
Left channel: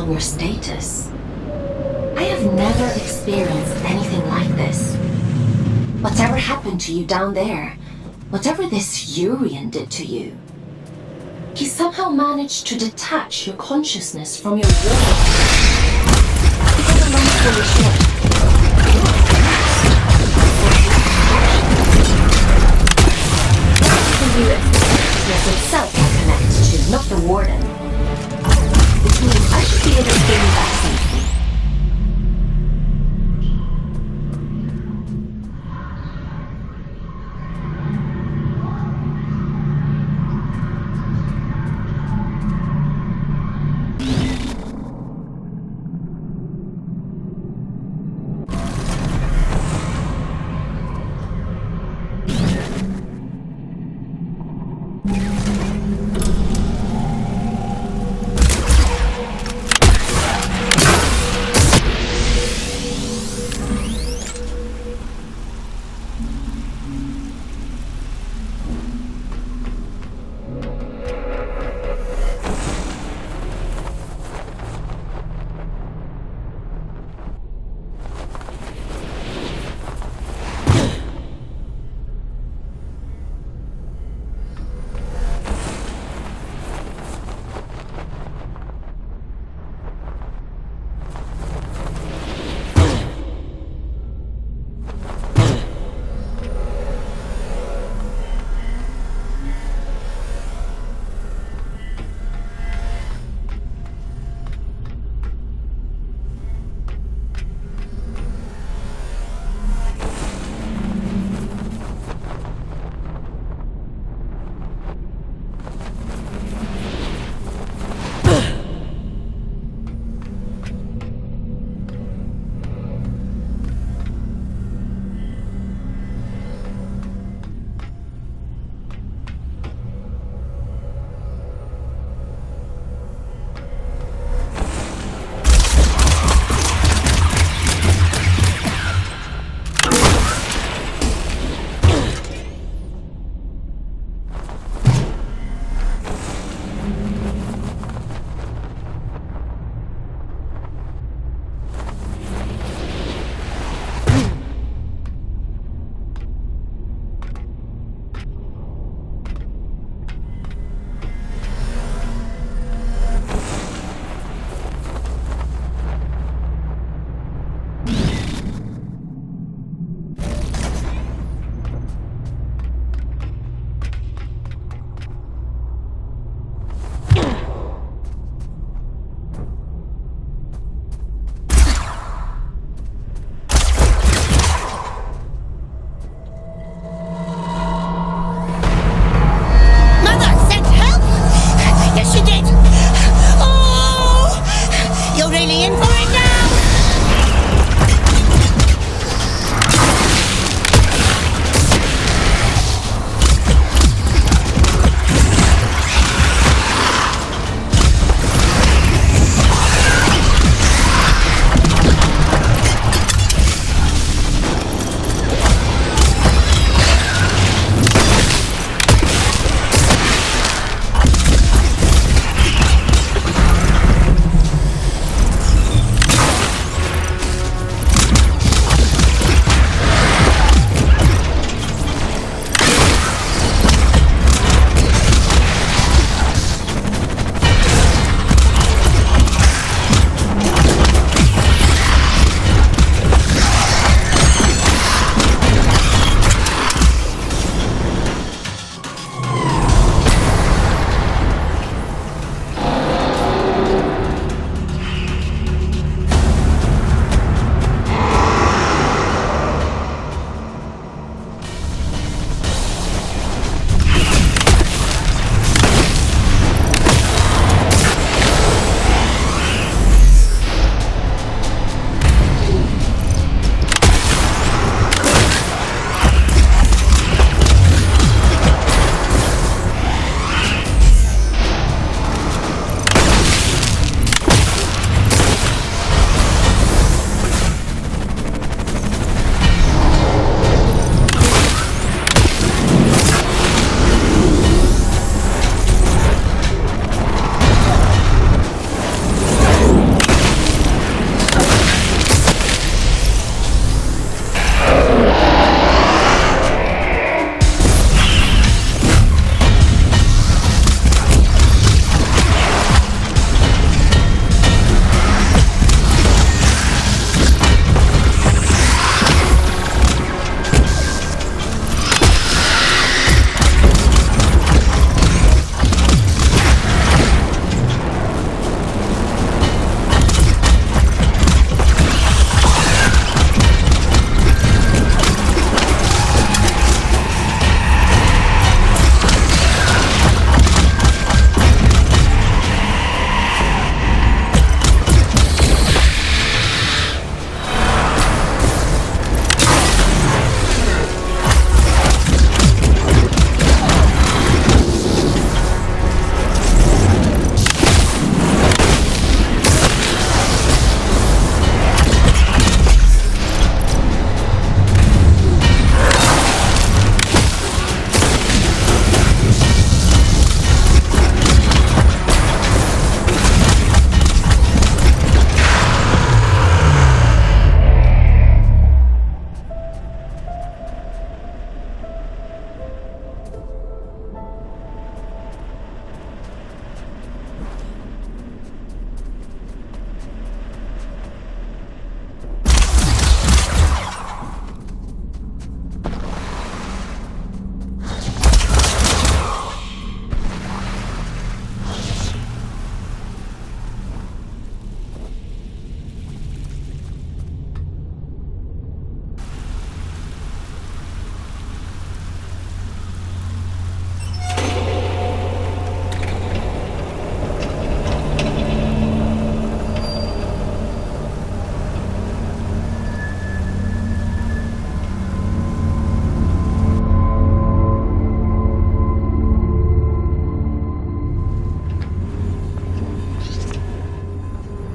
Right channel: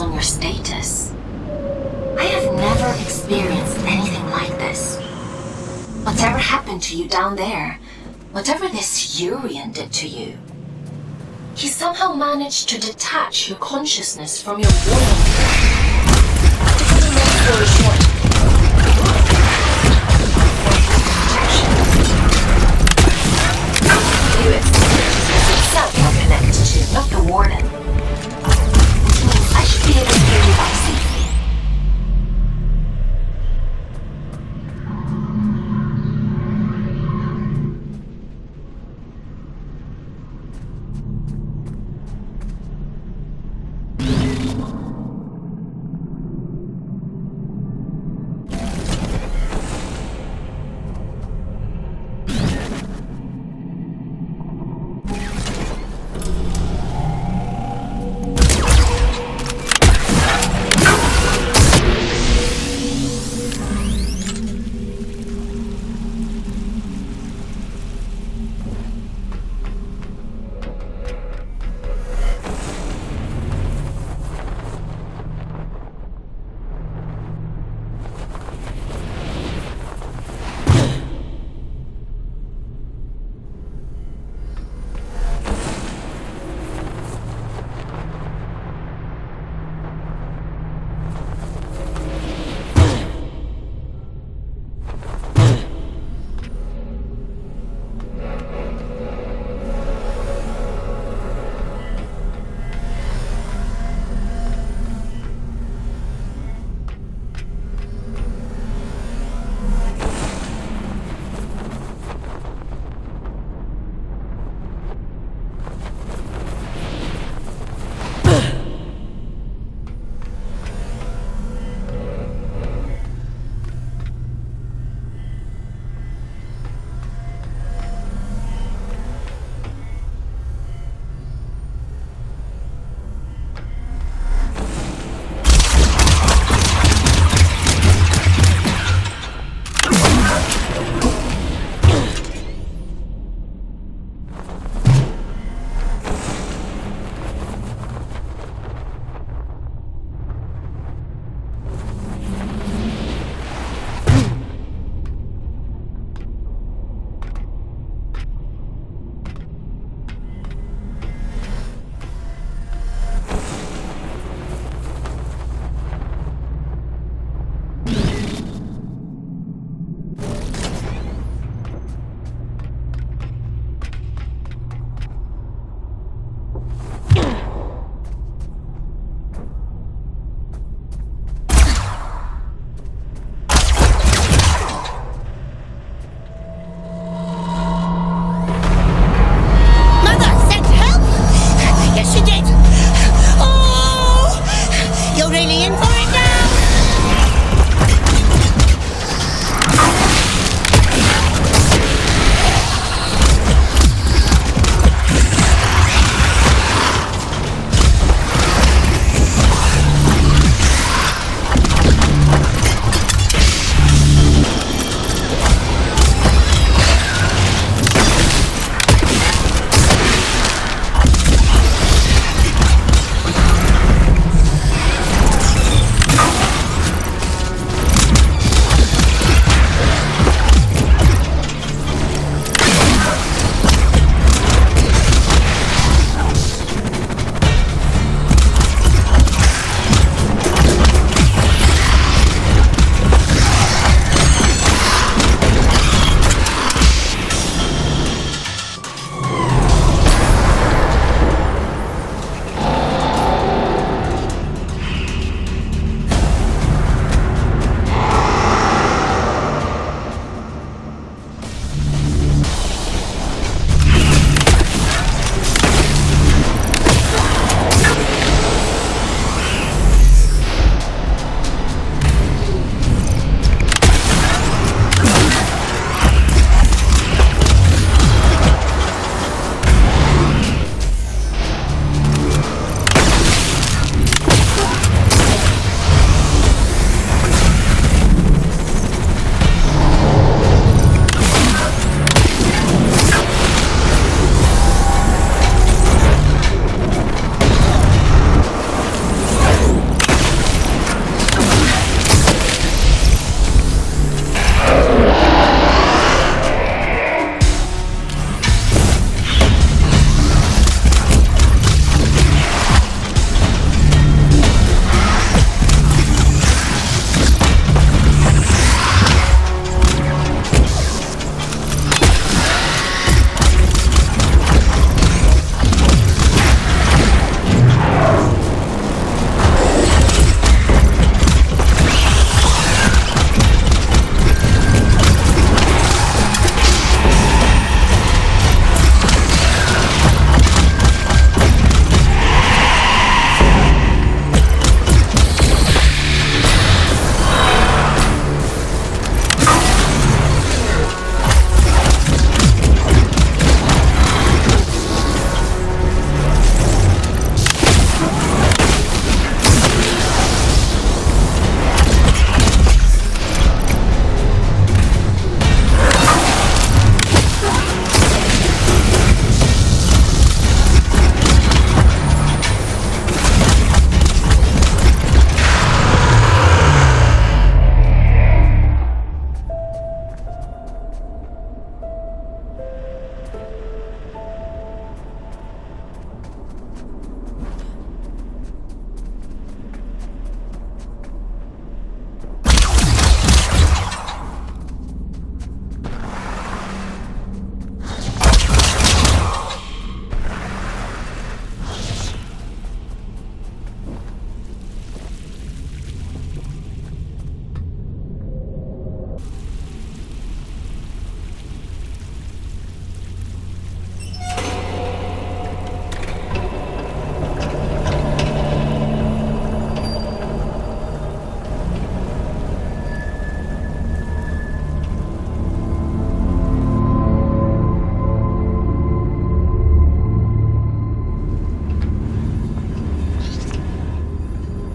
On your status. I have never experienced anything like this. Whatever happened to you down there, whatever this Urian did to you, he somehow managed to detach your consciousness from your not the warden. I should be able to get you back something.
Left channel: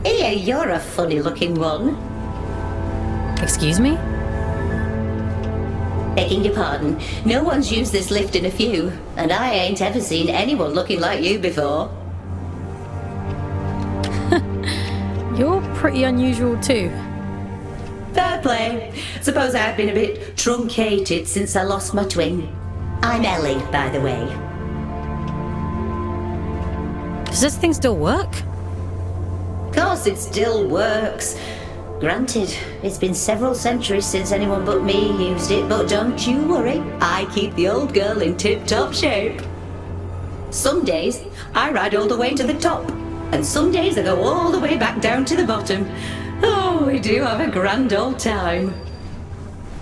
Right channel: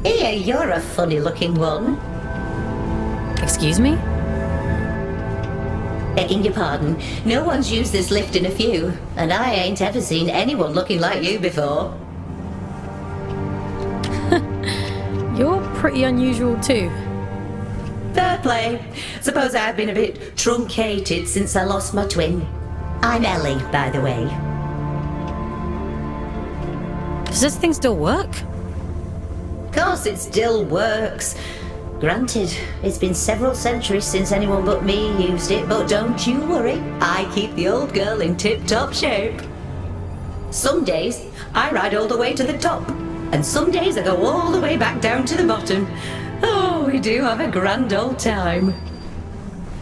Here, you're a funny-looking one. Excuse me? Begging your pardon, no one's used this lift in a few, and I ain't ever seen anyone looking like you before. You're pretty unusual too. Fair play. Suppose I've been a bit truncated since I lost my twin. I'm Ellie, by the way. Does this thing still work? Course it still works. Granted, it's been several centuries since anyone but me used it, but don't you worry, I keep the old girl in tip-top shape. Some days, I ride all the way to the top, and some days I go all the way back down to the bottom. Oh, we do have a grand old time.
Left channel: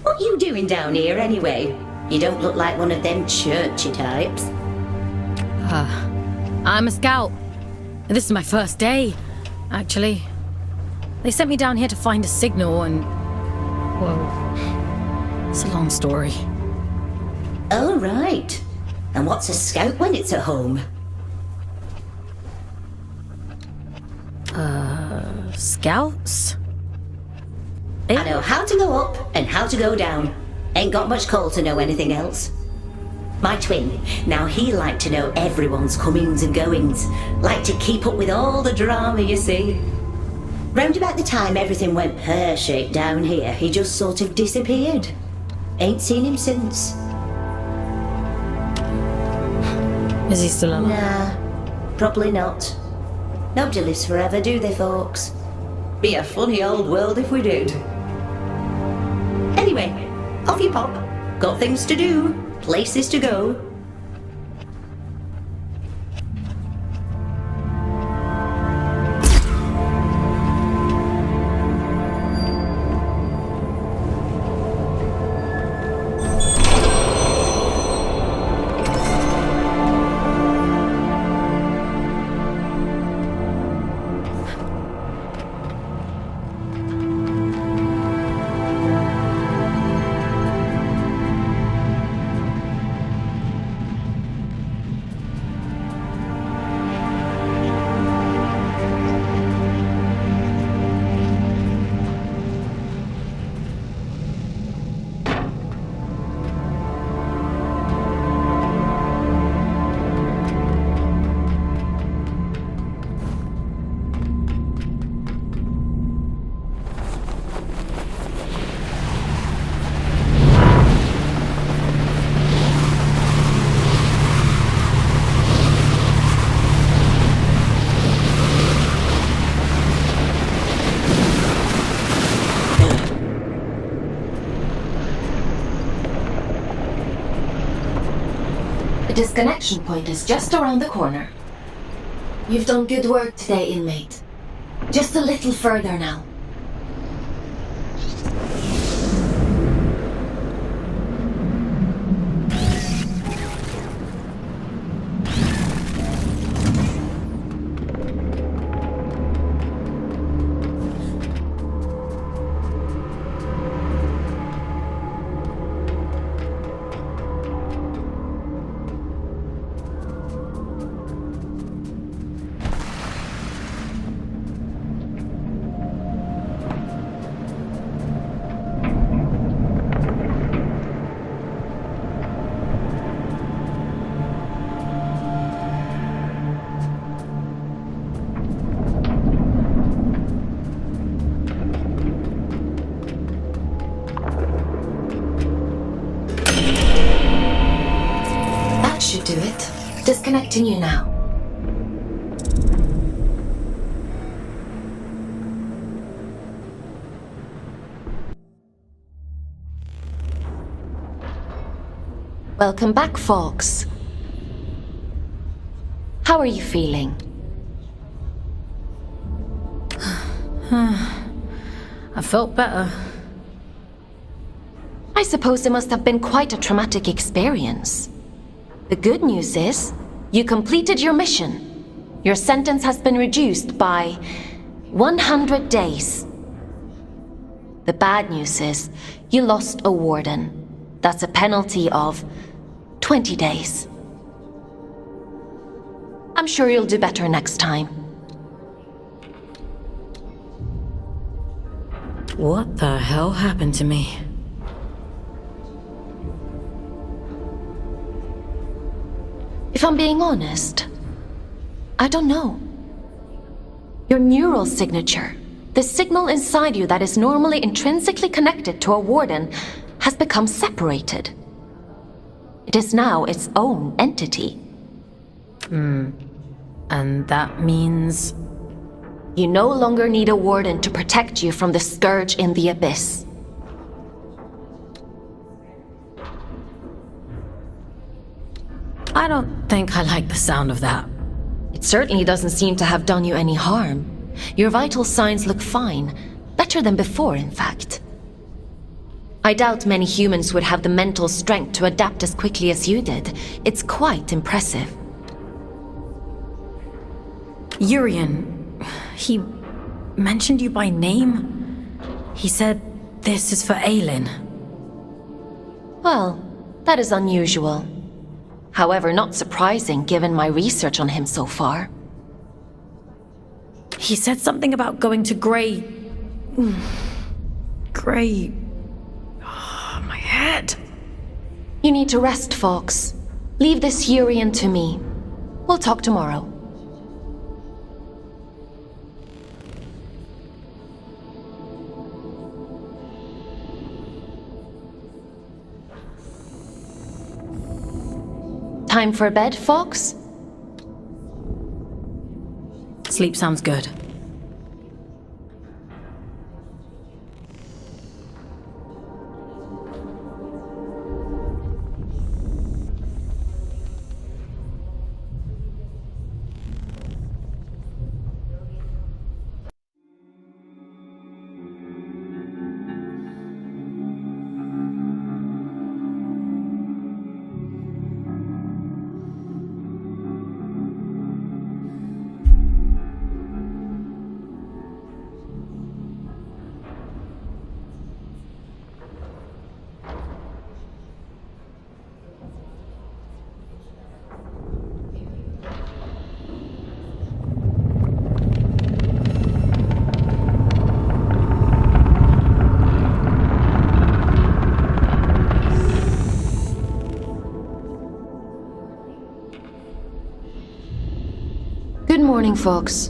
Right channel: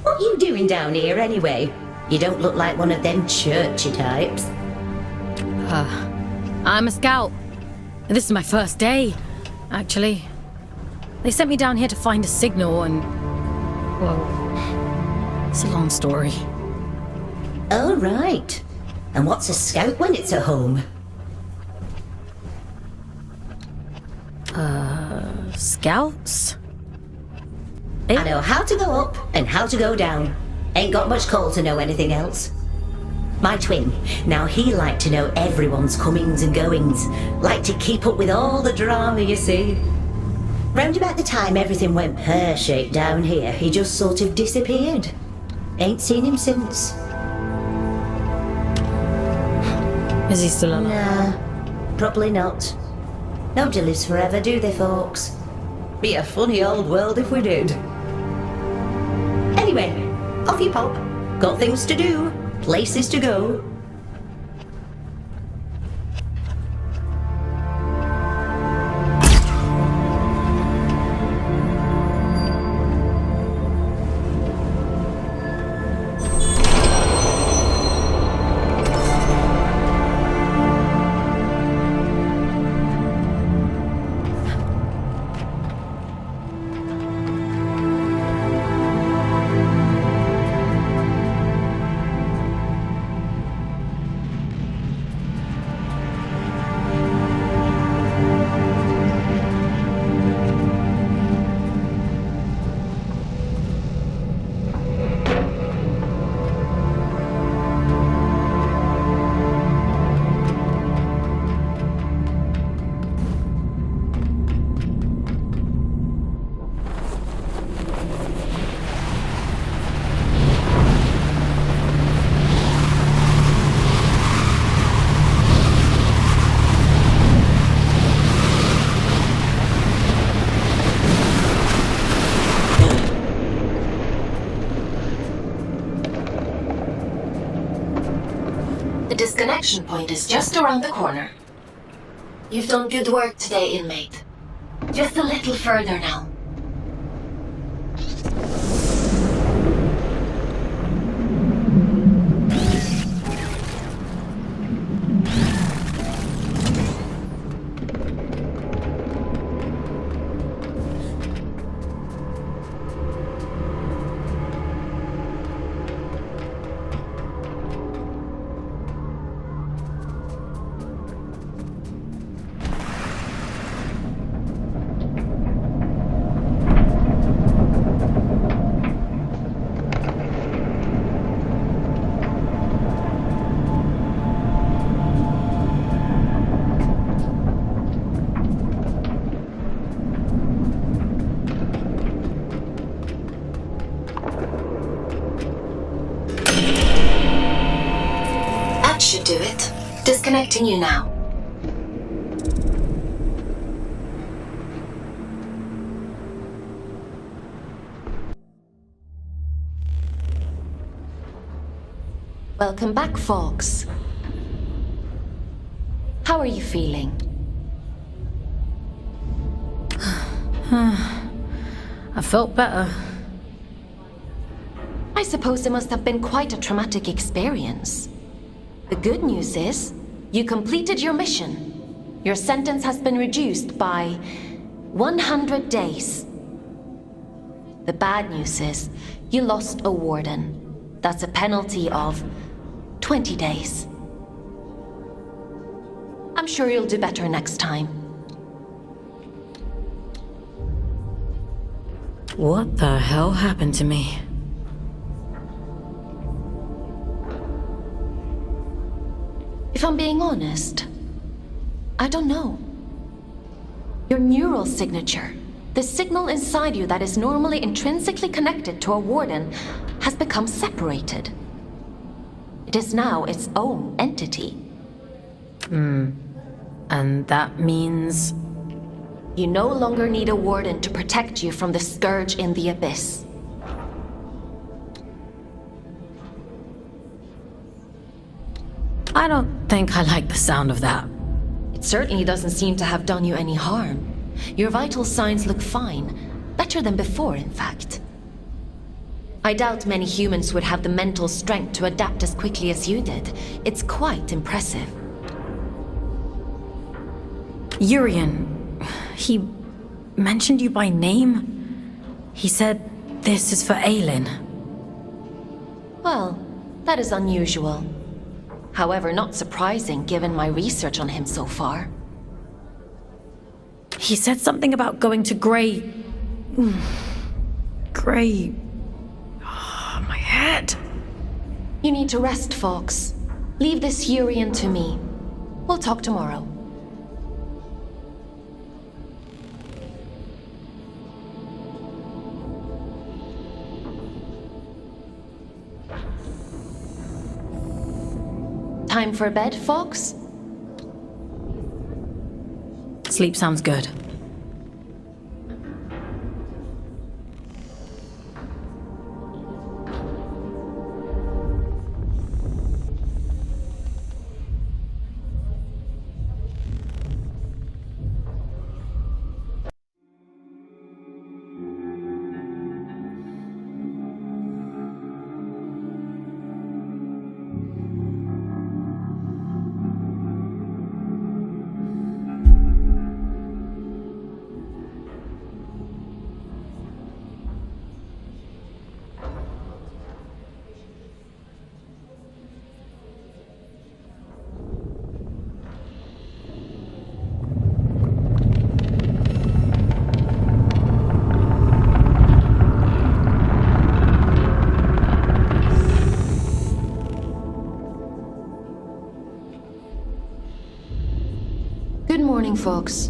What you doing down here anyway? You don't look like one of them churchy types. I'm a scout. And this is my first day, actually. They sent me down here to find a signal and... well, it's a long story. Oh, right. And what's a scout when it's at home? Scouts? I know how to go up and how to go down. Ain't got much call to know anything else. My twin, now he liked to know everyone's comings and goings. Liked to keep up with all the drama, you see. Round about the time everything went pear-shaped down here, he just sort of disappeared. Ain't seen him since. Is he still alive? Nah, probably not. Nobody lives forever, do they, folks? Be a funny old world if we did. Anyway, off you pop. Got things to do, places to go. The disconnection point is just around the corner. You've done good work today, inmate. Just a little further now. Should do it. Disconnecting you now. Welcome back, folks. How are you feeling? I felt better. I suppose it must have been quite a traumatic experience. The good news is, you completed your mission. Your sentence has been reduced by 100 days. The bad news is, you lost a warden. That's a penalty of 20 days. I'm sure you'll do better next time. What the hell happened to me? If I'm being honest, I don't know. Your neural signature, the signal inside you that is normally intrinsically connected to a warden, has become separated. It is now its own entity. And that means... You no longer need a warden to protect you from the scourge in the abyss. I don't think I like the sound of that. It certainly doesn't seem to have done you any harm. Your vital signs look fine. Better than before, in fact. I doubt many humans would have the mental strength to adapt as quickly as you did. It's quite impressive. Urian, he mentioned you by name? He said this is for Aelin. Well, that is unusual. However, not surprising given my research on him so far. He said something about going to Grey... Grey... Oh, my head. You need to rest, Fox. Leave this Urian to me. We'll talk tomorrow. Time for bed, Fox? Sleep sounds good. Good morning, Fox.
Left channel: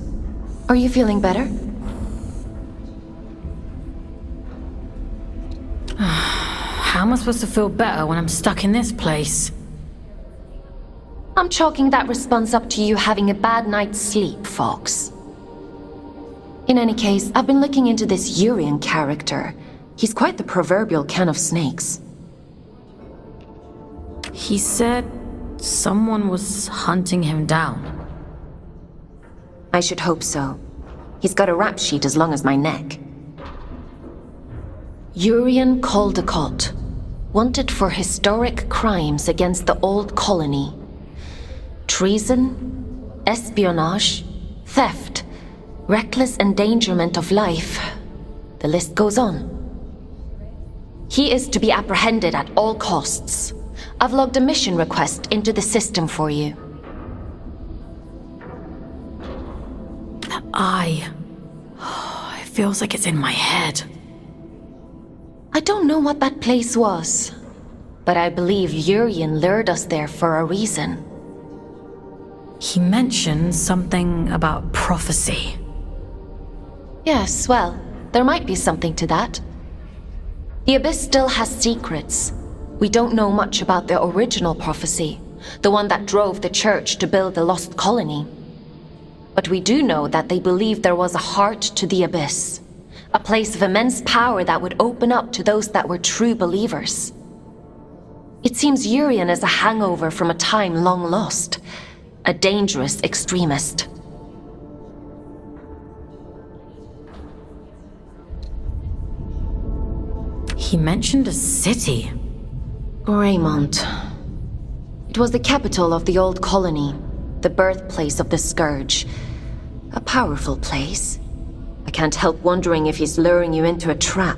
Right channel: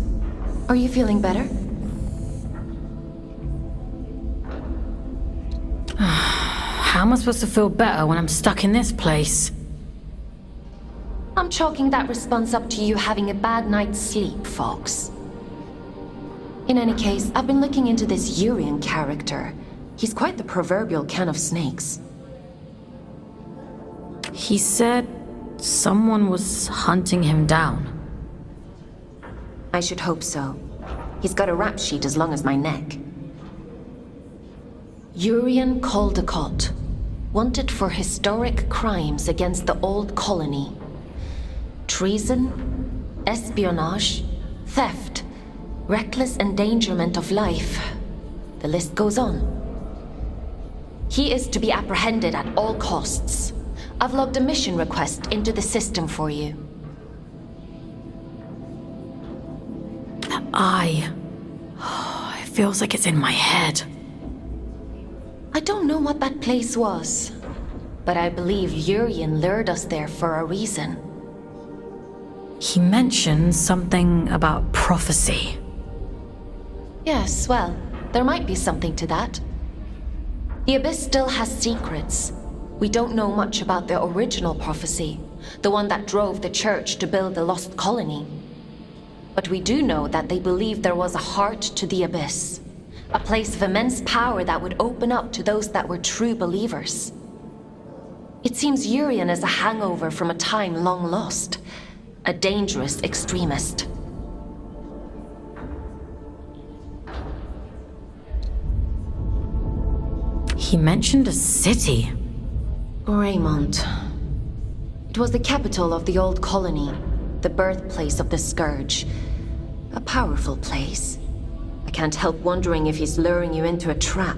Are you feeling better? How am I supposed to feel better when I'm stuck in this place? I'm chalking that response up to you having a bad night's sleep, Fox. In any case, I've been looking into this Urian character. He's quite the proverbial can of snakes. He said someone was hunting him down. I should hope so. He's got a rap sheet as long as my neck. Urian Caldecott, wanted for historic crimes against the old colony. Treason, espionage, theft, reckless endangerment of life. The list goes on. He is to be apprehended at all costs. I've logged a mission request into the system for you. It feels like it's in my head. I don't know what that place was, but I believe Urian lured us there for a reason. He mentioned something about prophecy. Yes, well, there might be something to that. The Abyss still has secrets. We don't know much about the original prophecy, the one that drove the Church to build the lost colony. But we do know that they believed there was a heart to the Abyss, a place of immense power that would open up to those that were true believers. It seems Urian is a hangover from a time long lost, a dangerous extremist. He mentioned a city. Greymont. It was the capital of the old colony, the birthplace of the Scourge. A powerful place. I can't help wondering if he's luring you into a trap.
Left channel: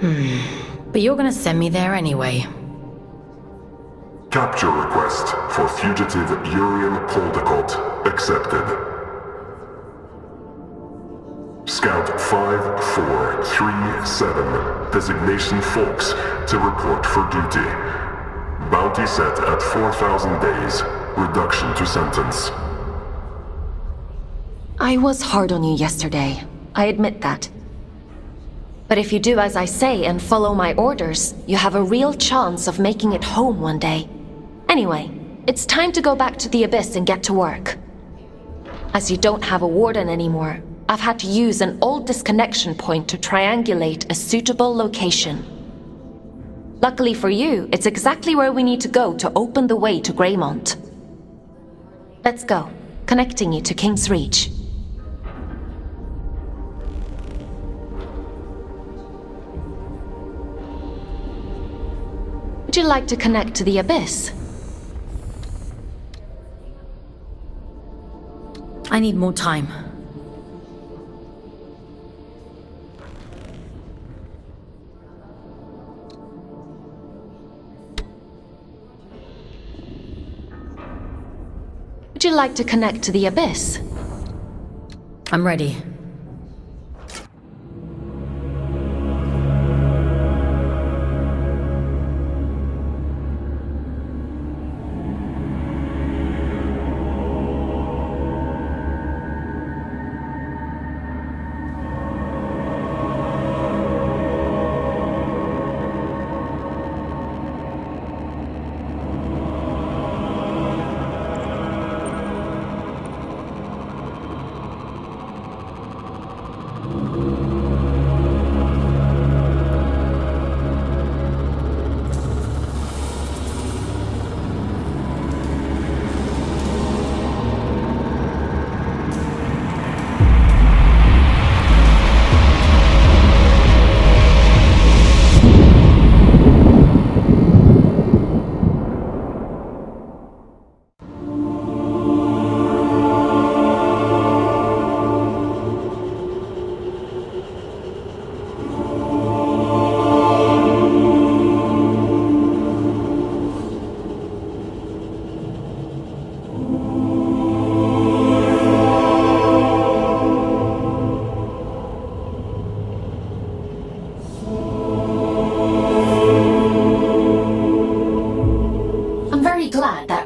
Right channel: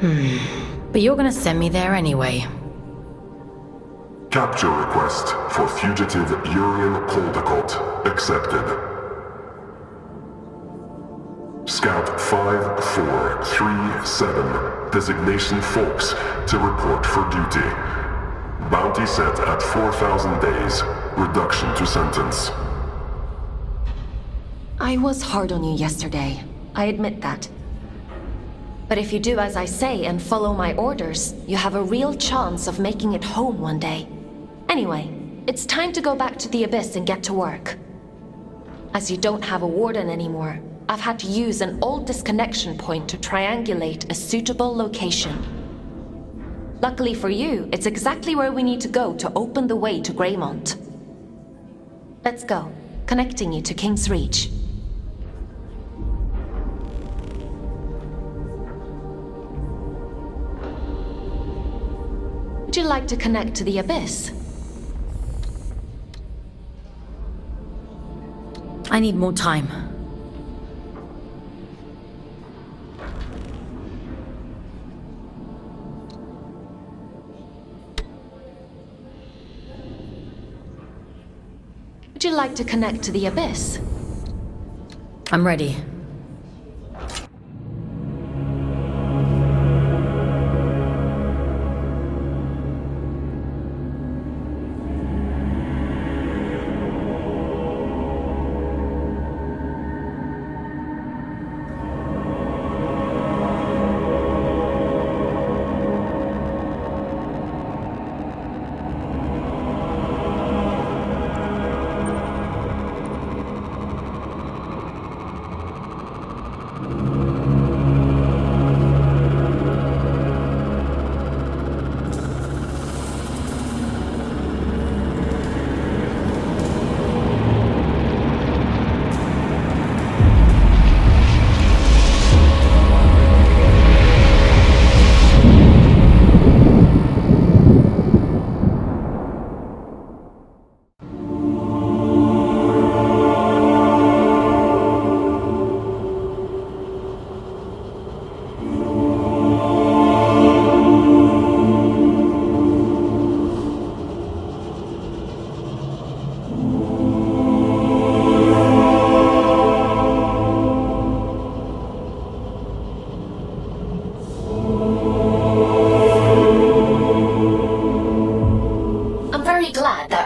But you're gonna send me there anyway. Capture request for fugitive Urian Caldecott accepted. Scout 5437, designation Fox, to report for duty. Bounty set at 4,000 days, reduction to sentence. I was hard on you yesterday. I admit that. But if you do as I say and follow my orders, you have a real chance of making it home one day. Anyway, it's time to go back to the Abyss and get to work. As you don't have a warden anymore, I've had to use an old disconnection point to triangulate a suitable location. Luckily for you, it's exactly where we need to go to open the way to Greymont. Let's go, connecting you to King's Reach. Would you like to connect to the Abyss? I need more time. Would you like to connect to the Abyss? I'm ready.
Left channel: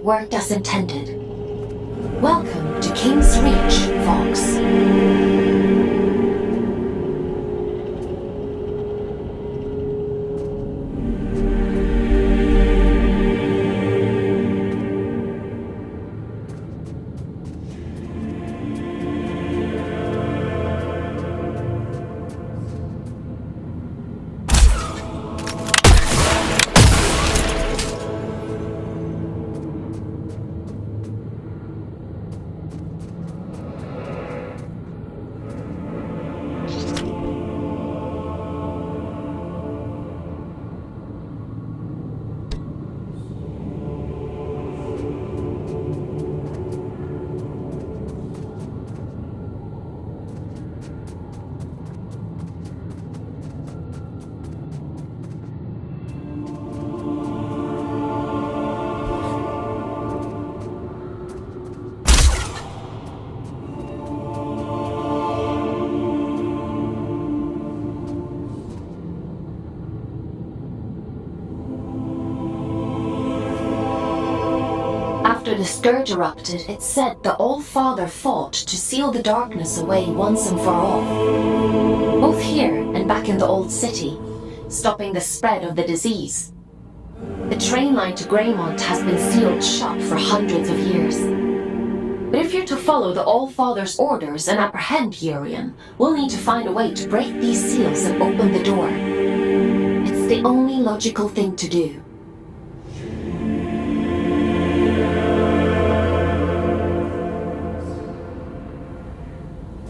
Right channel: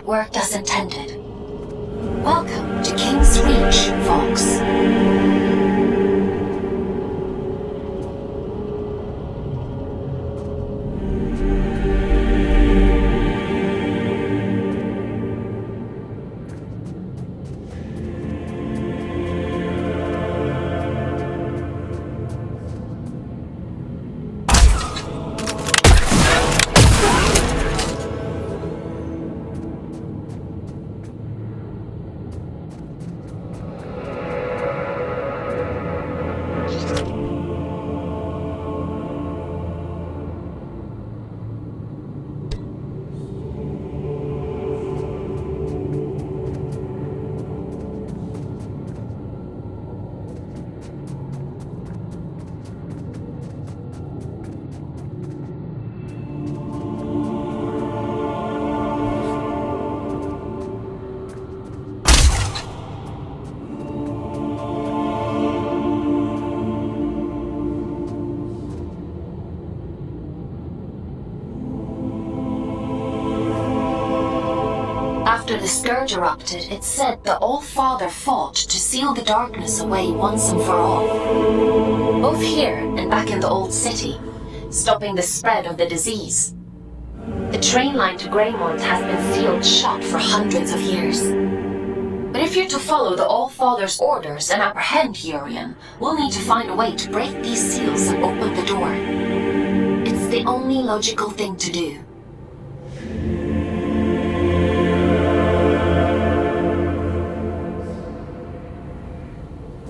Worked as intended. Welcome to King's Reach, Fox. After the Scourge erupted, it said the All-Father fought to seal the darkness away once and for all. Both here and back in the Old City, stopping the spread of the disease. The train line to Greymont has been sealed shut for hundreds of years. But if you're to follow the All-Father's orders and apprehend Urian, we'll need to find a way to break these seals and open the door. It's the only logical thing to do.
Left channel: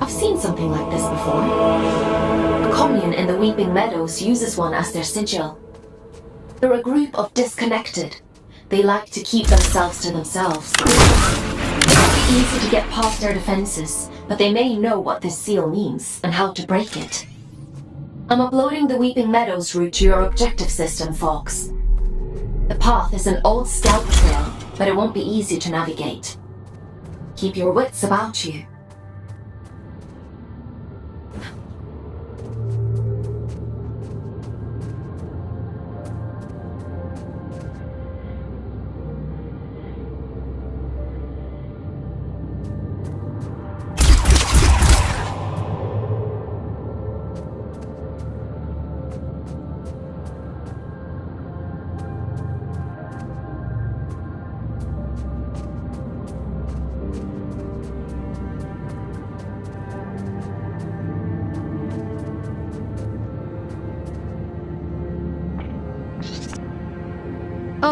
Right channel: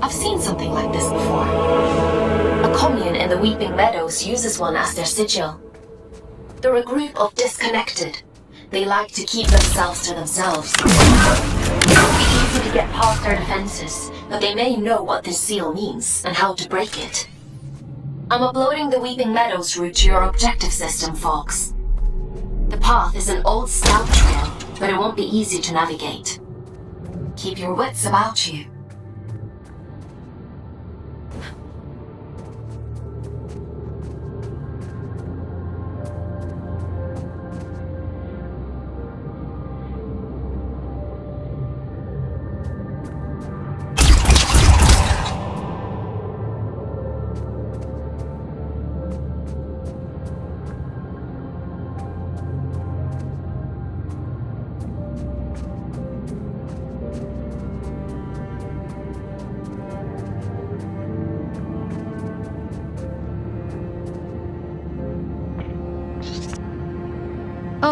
I've seen something like this before. A commune in the Weeping Meadows uses one as their sigil. They're a group of disconnected. They like to keep themselves to themselves. It's easy to get past their defenses, but they may know what this seal means and how to break it. I'm uploading the Weeping Meadows route to your objective system, Fox. The path is an old scout trail, but it won't be easy to navigate. Keep your wits about you.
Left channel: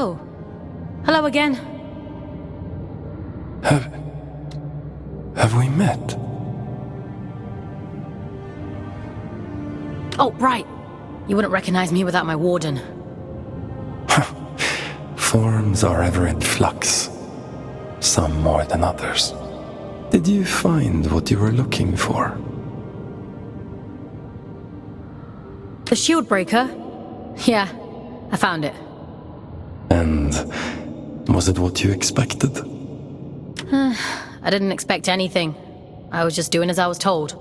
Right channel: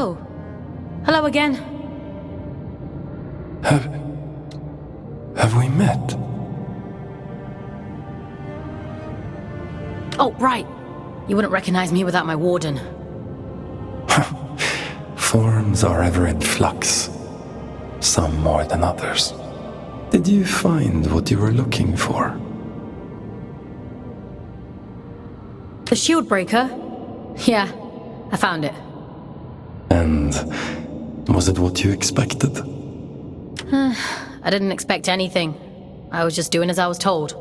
Oh. Hello again. Have we met? Oh, right. You wouldn't recognize me without my warden. Forms are ever in flux. Some more than others. Did you find what you were looking for? The shield breaker? Yeah, I found it. And was it what you expected? I didn't expect anything. I was just doing as I was told.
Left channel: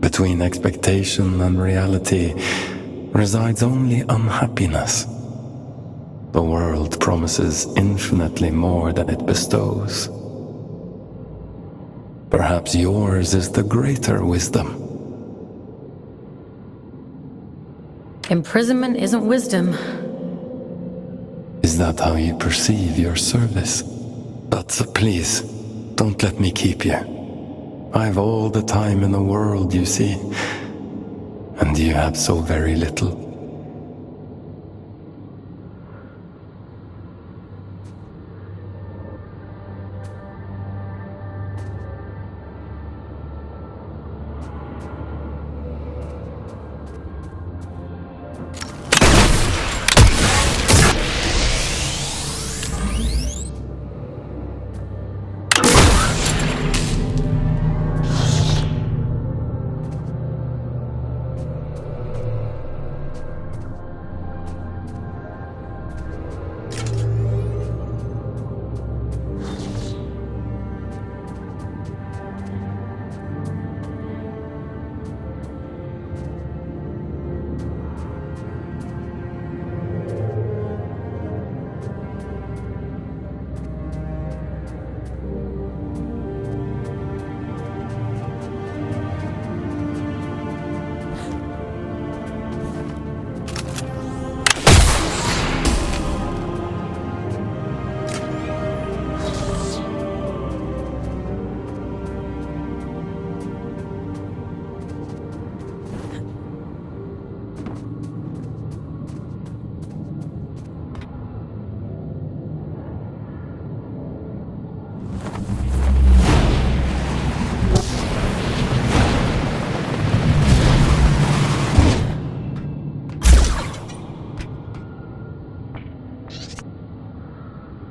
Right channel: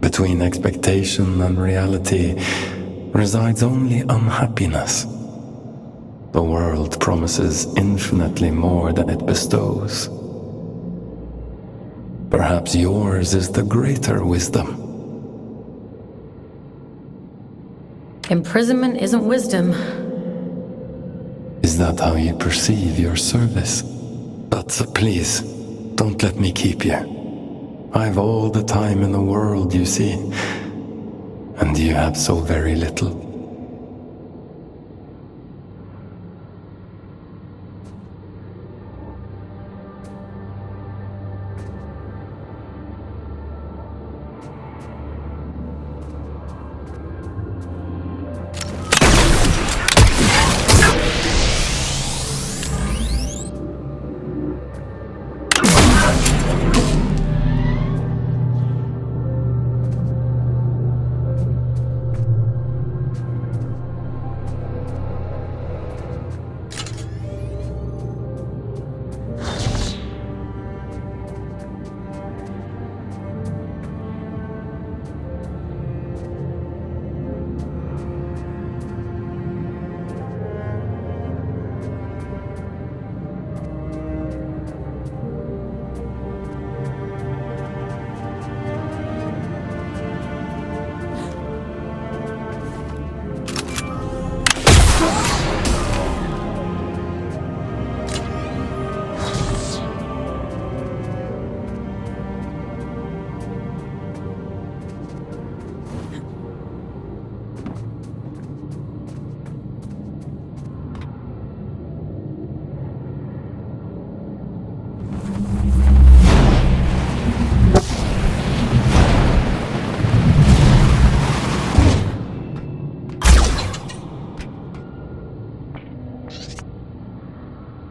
Between expectation and reality resides only unhappiness. The world promises infinitely more than it bestows. Perhaps yours is the greater wisdom. Imprisonment isn't wisdom. Is that how you perceive your service? But please, don't let me keep you. I've all the time in the world, you see. And you have so very little.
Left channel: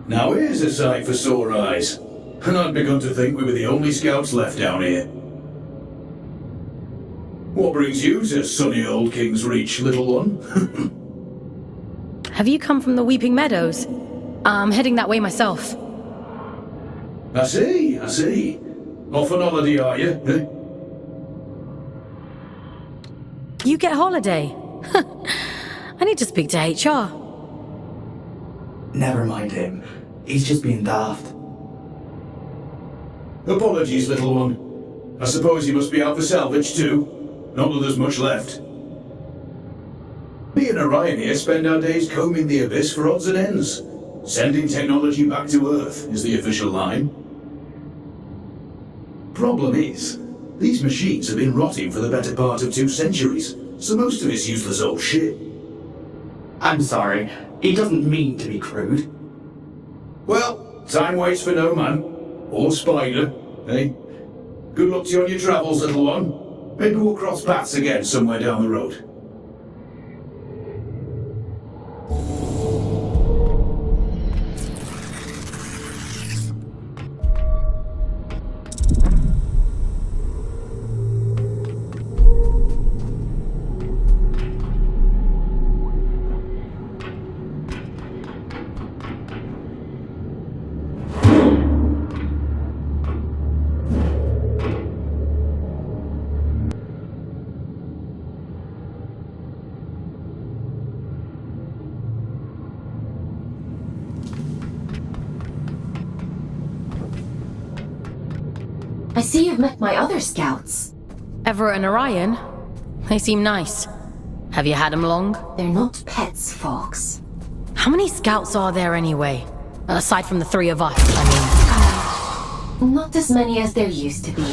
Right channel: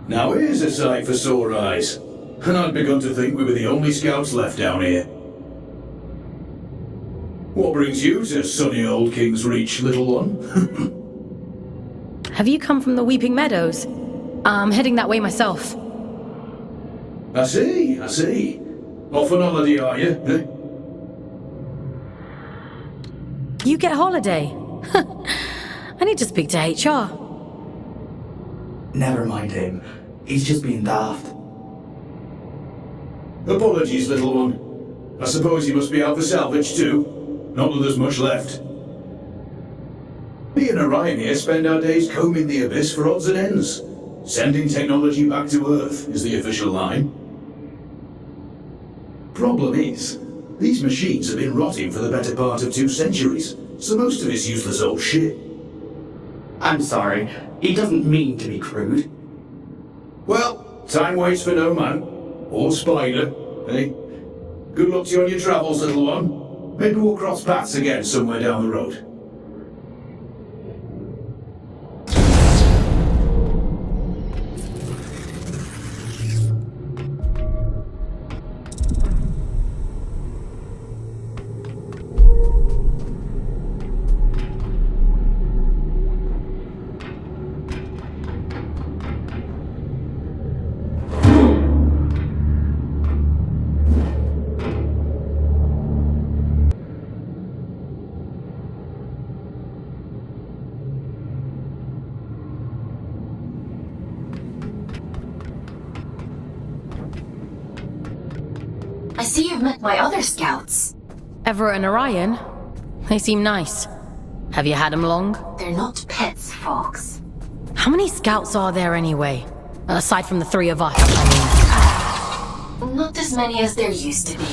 Now here's a sight for sore eyes. And I'd begun to think we were the only scouts left down here. What brings you to sunny old King's Reach, little one? Have you come from the Weeping Meadows? I'm heading that way myself. I see. Off on holiday, are you? Eh? You get holiday? I need to speak to HR. Never mind him. He's just being daft. Apologies, little one. I suppose you must be out for salvage too. Not that there's much left. Me and Orion here spend our days combing the abyss for odds and ends. Sending technology back to Earth is the official line. Problem is, these machines have been rotting for the better part of 2 centuries, so most of it's useless old shit. I'm sorry. He doesn't mean to be crude. Well, time waits for no man. Or spider, eh? Good luck to you on your travels, little one. Maybe we'll cross paths again somewhere down the road. I see you've met my other scouts. Everett and Orion? They seem nice. Have you had them long? They're not pets, Fox. How many scouts are there anyway? Aside from the 3 of us, I mean. Not as many as there used to be.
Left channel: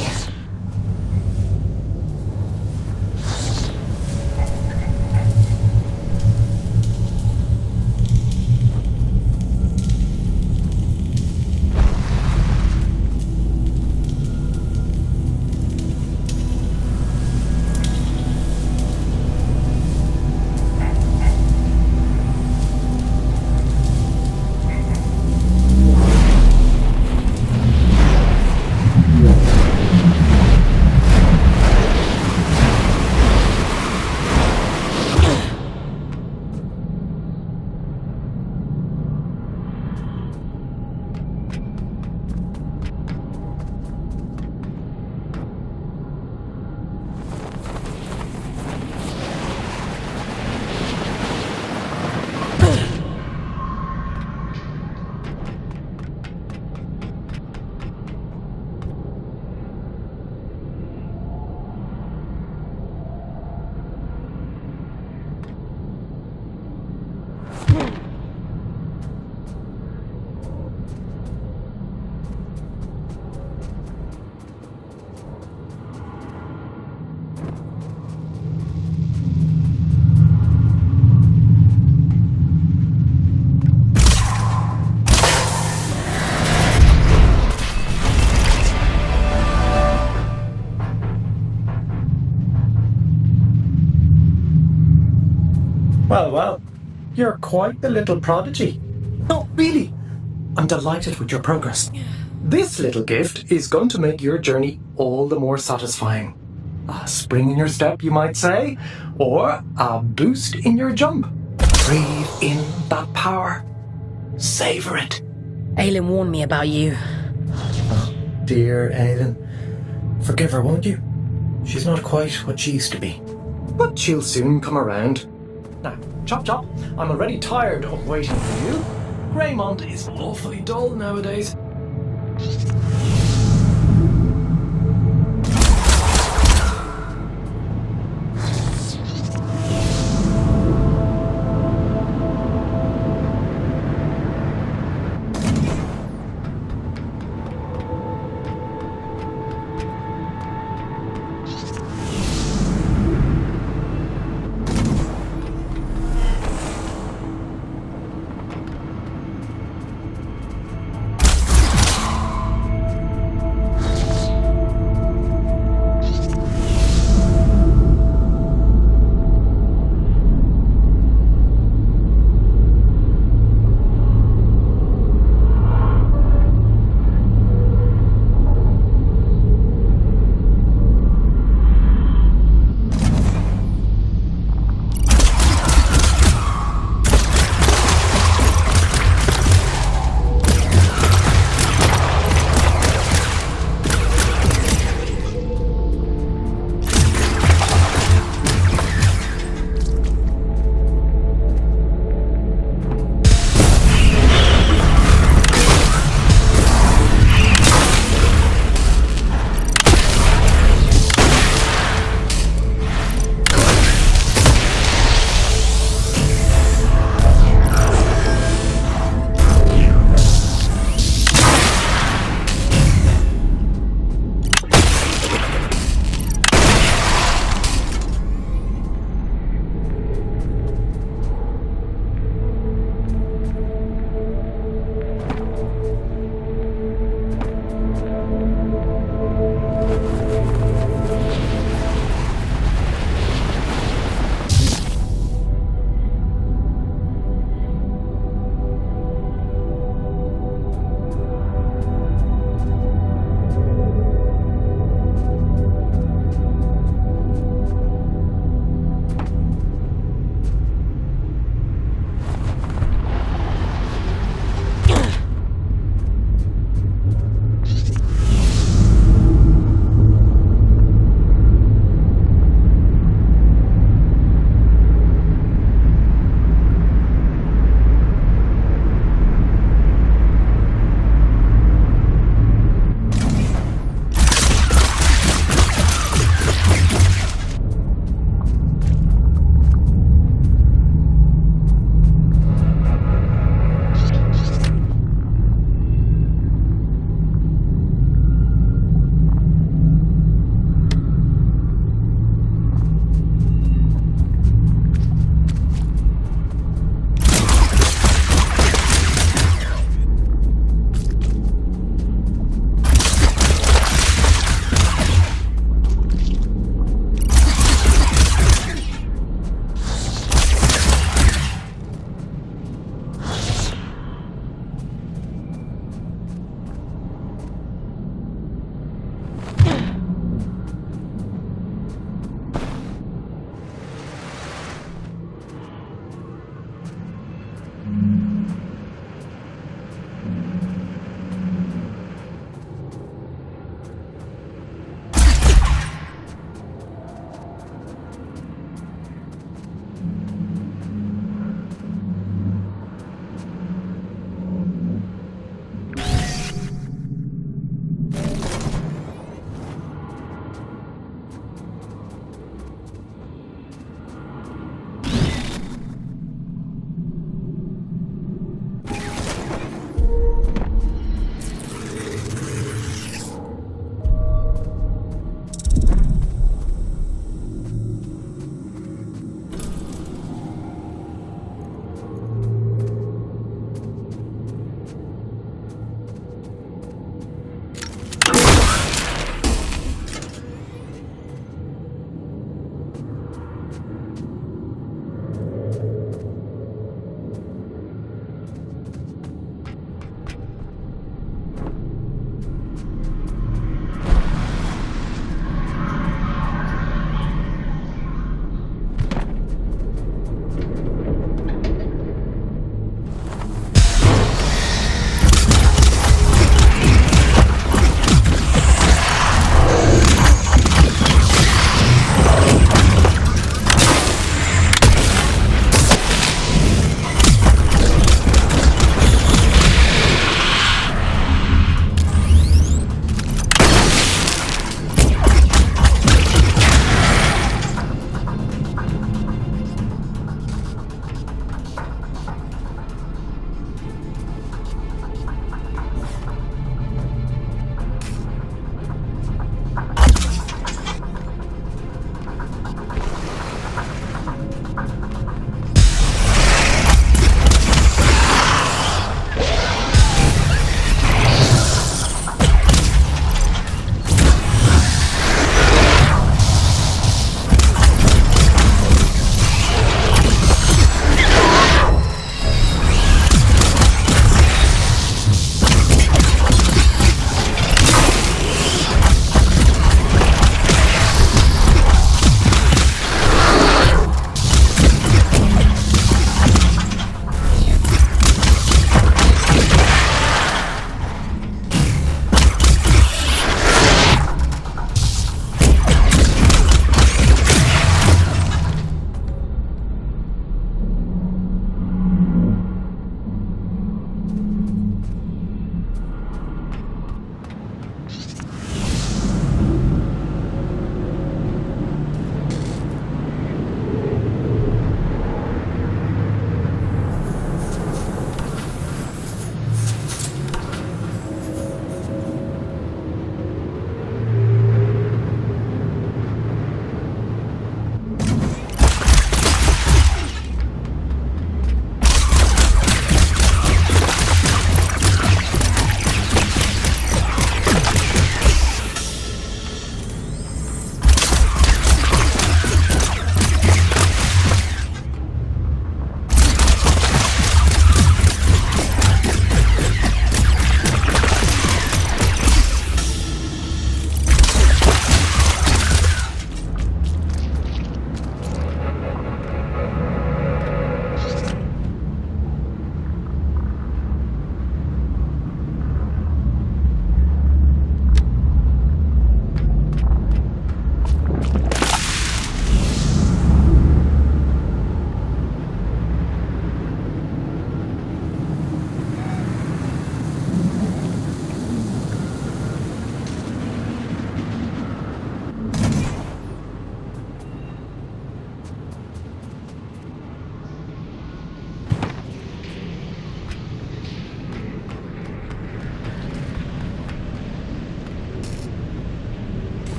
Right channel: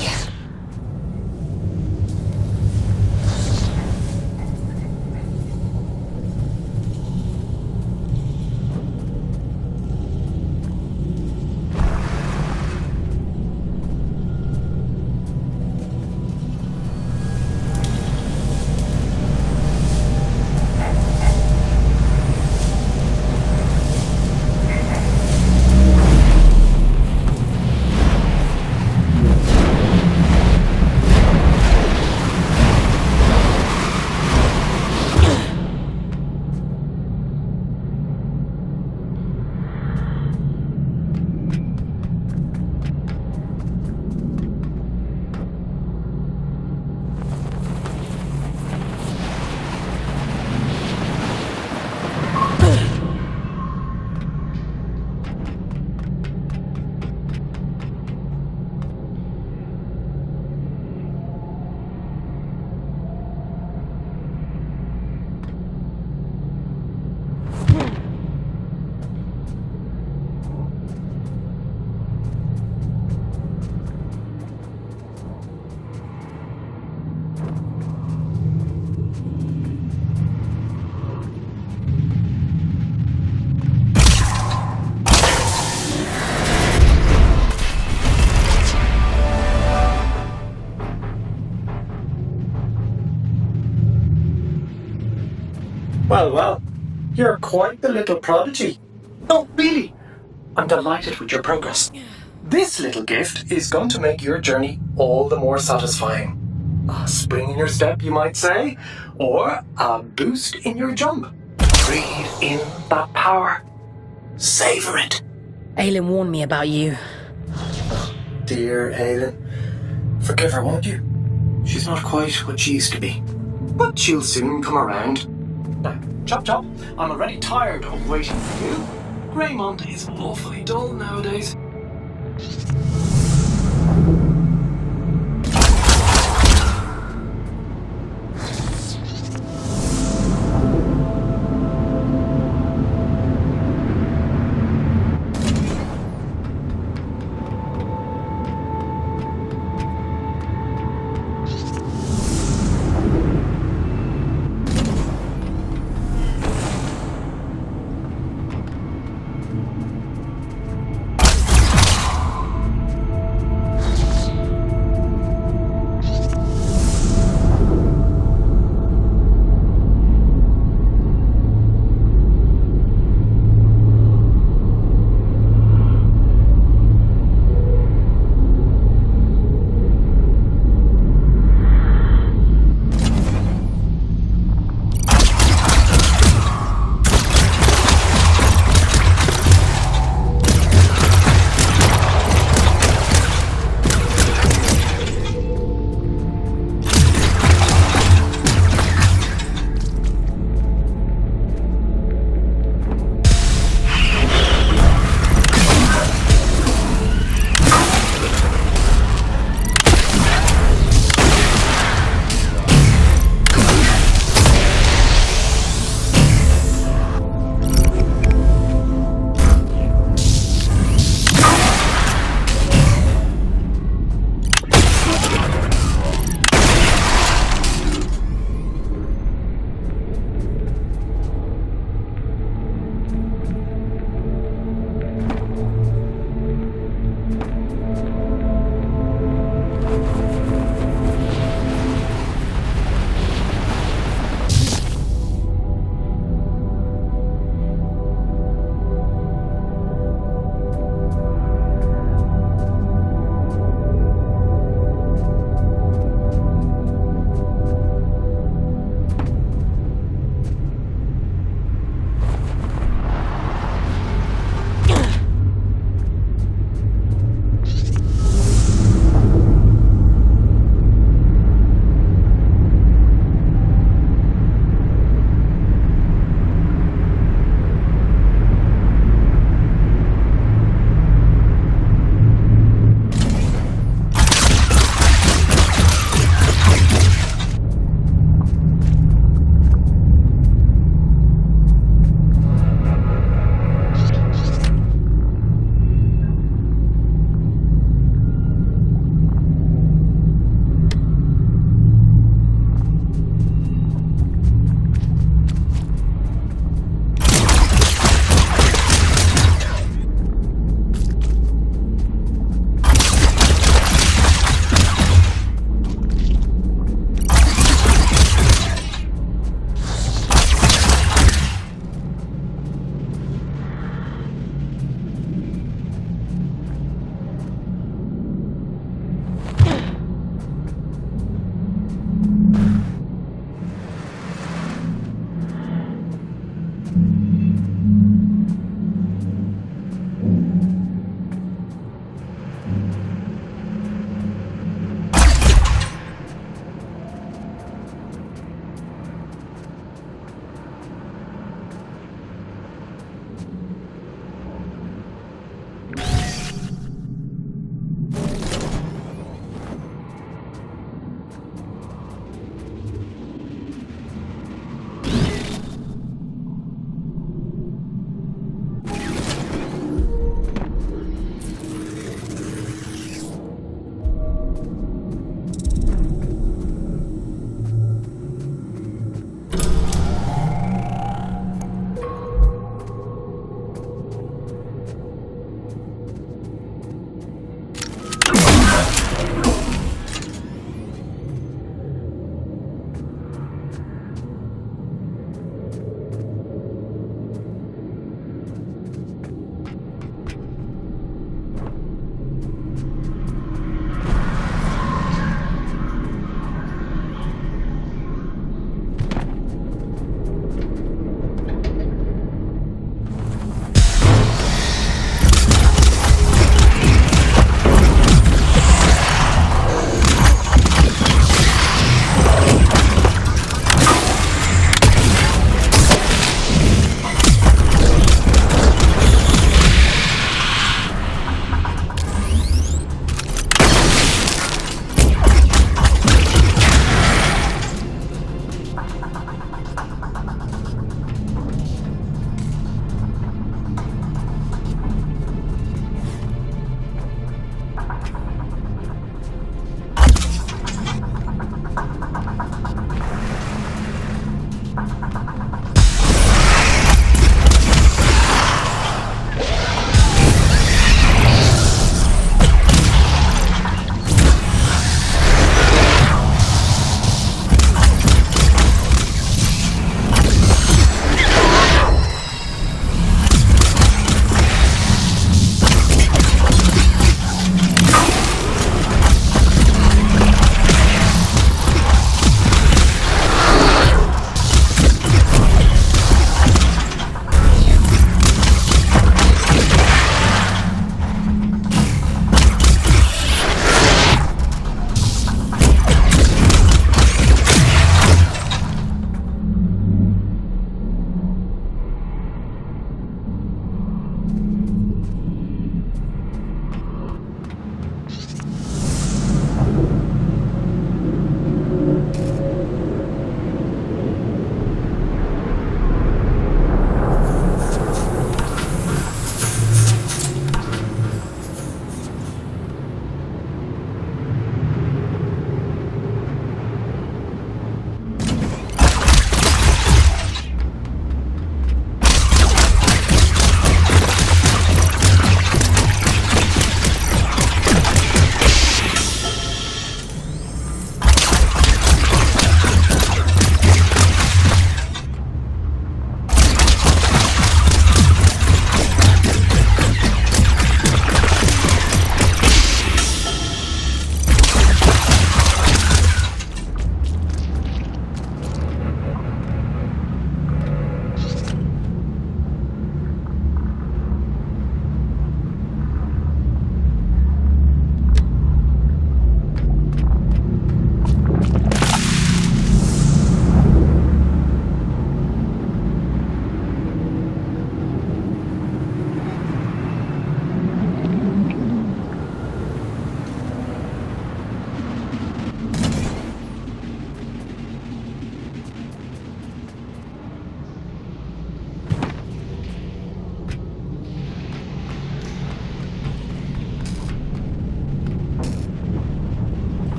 You're quite the little prodigy. Oh, really? I'm delighted with your progress. This little gift is going to make your journey all the more satisfying. A spring in your step, you might say, or a boost in your jump. Breathe in that power. Savor it. Aelin warned me about you. Dear Aelin. Forgive her, won't you? She's not quite what she used to be. But she'll soon come around. Now, chop chop, I'm already tired of waiting for you. Raymond is awfully dull nowadays.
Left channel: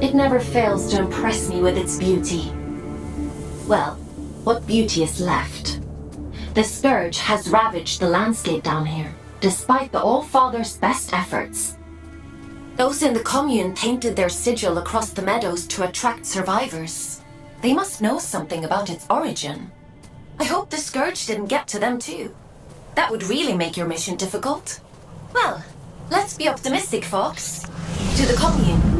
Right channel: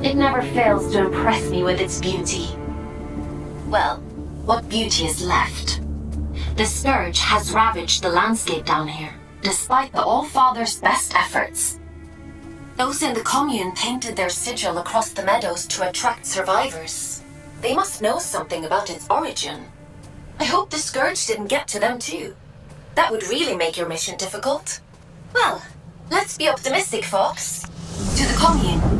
It never fails to impress me with its beauty. Well, what beauty is left? The Scourge has ravaged the landscape down here, despite the All-Father's best efforts. Those in the commune painted their sigil across the meadows to attract survivors. They must know something about its origin. I hope the Scourge didn't get to them too. That would really make your mission difficult. Well, let's be optimistic, folks. To the commune.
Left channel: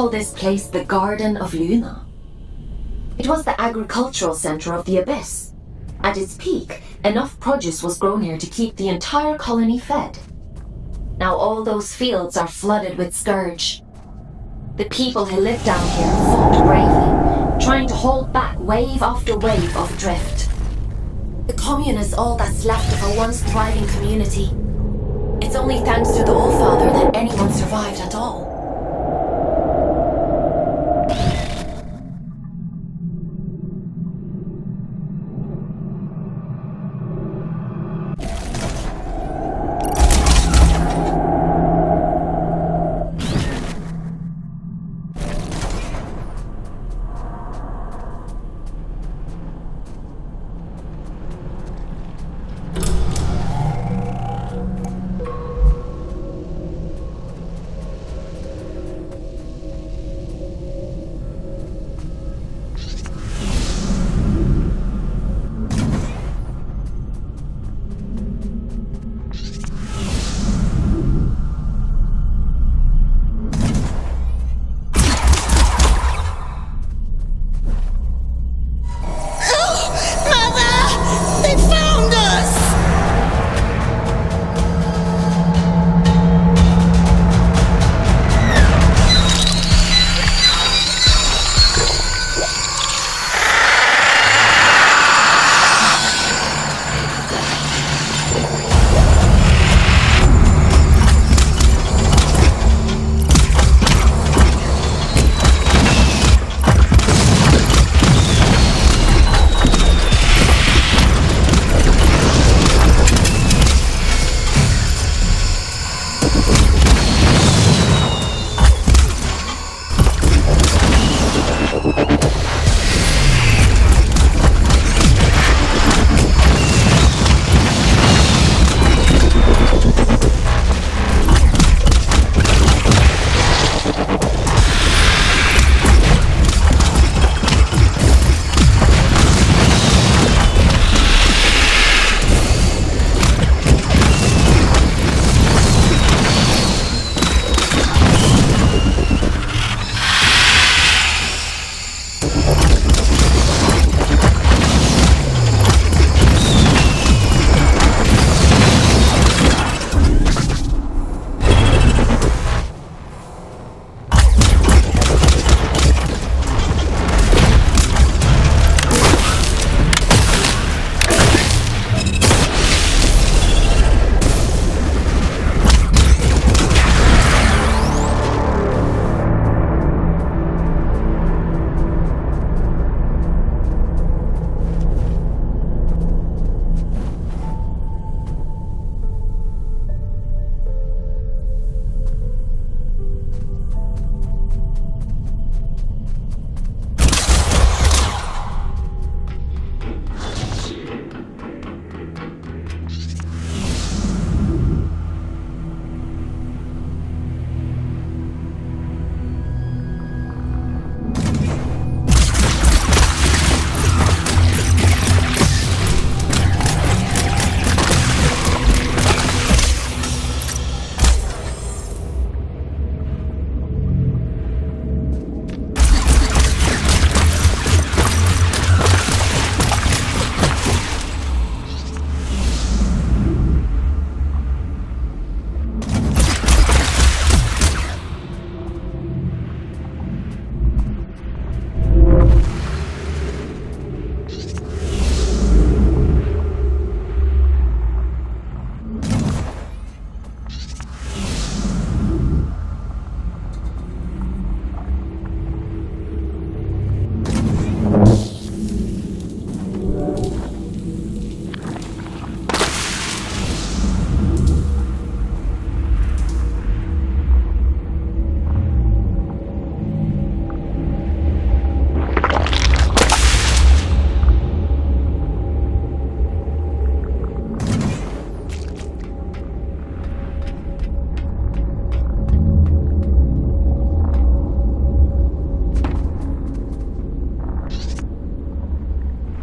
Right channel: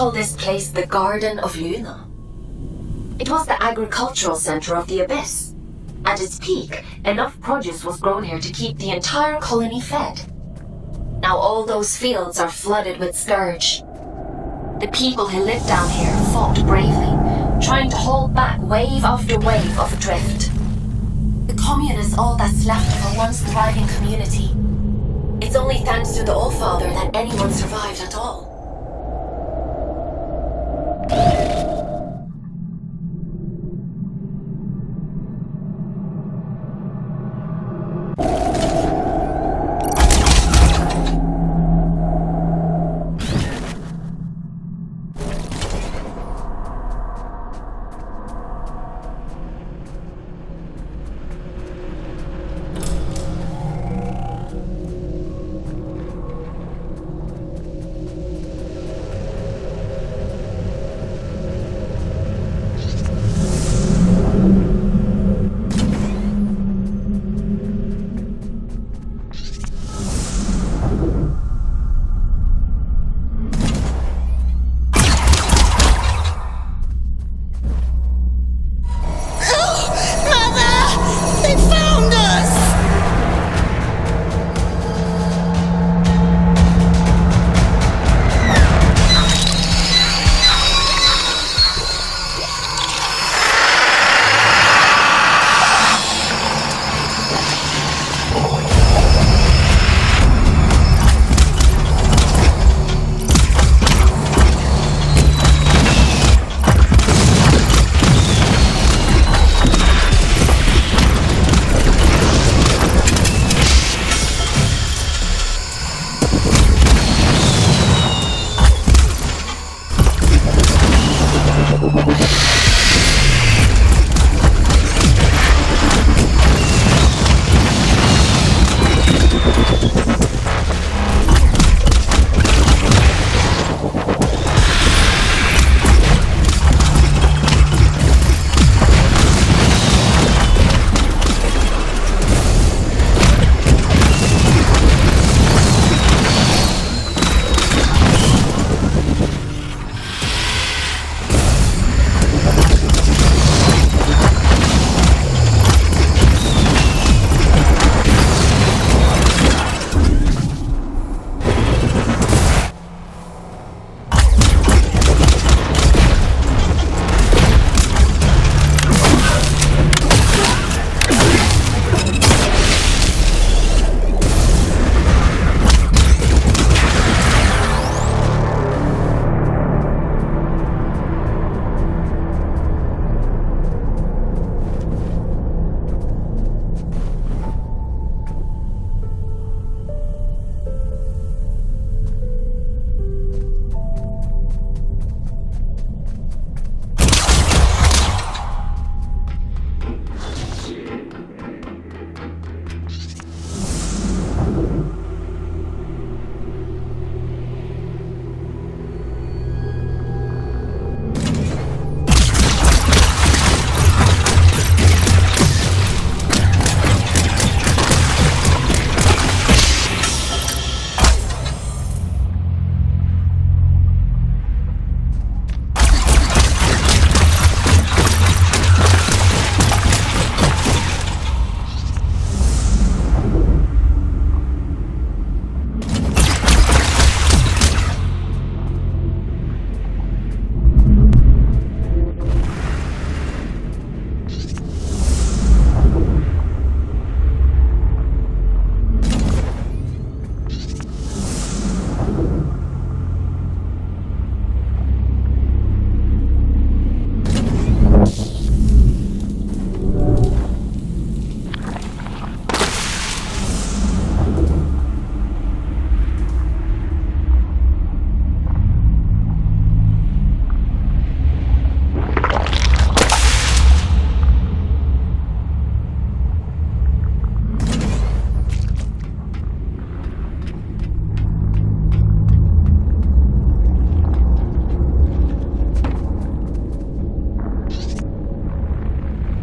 call this place the Garden of Luna. It was the agricultural center of the Abyss. At its peak, enough produce was grown here to keep the entire colony fed. Now all those fields are flooded with scourge. The people who lived down here fought bravely, trying to hold back wave after wave of drift. The commune is all that's left of a once thriving community. It's only thanks to the Allfather that anyone survived at all.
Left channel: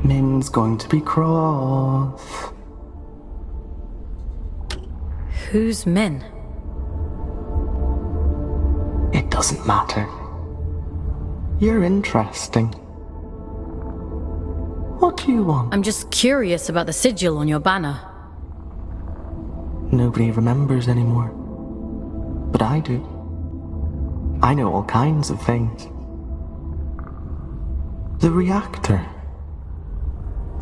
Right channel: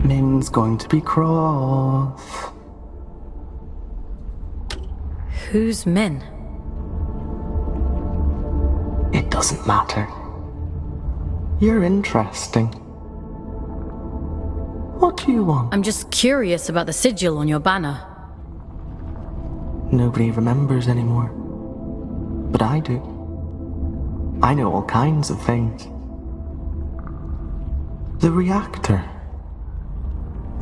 Min's going to be cross. Who's Min? It doesn't matter. You're interesting. What do you want? I'm just curious about the sigil on your banner. Nobody remembers anymore. But I do. I know all kinds of things. The reactor.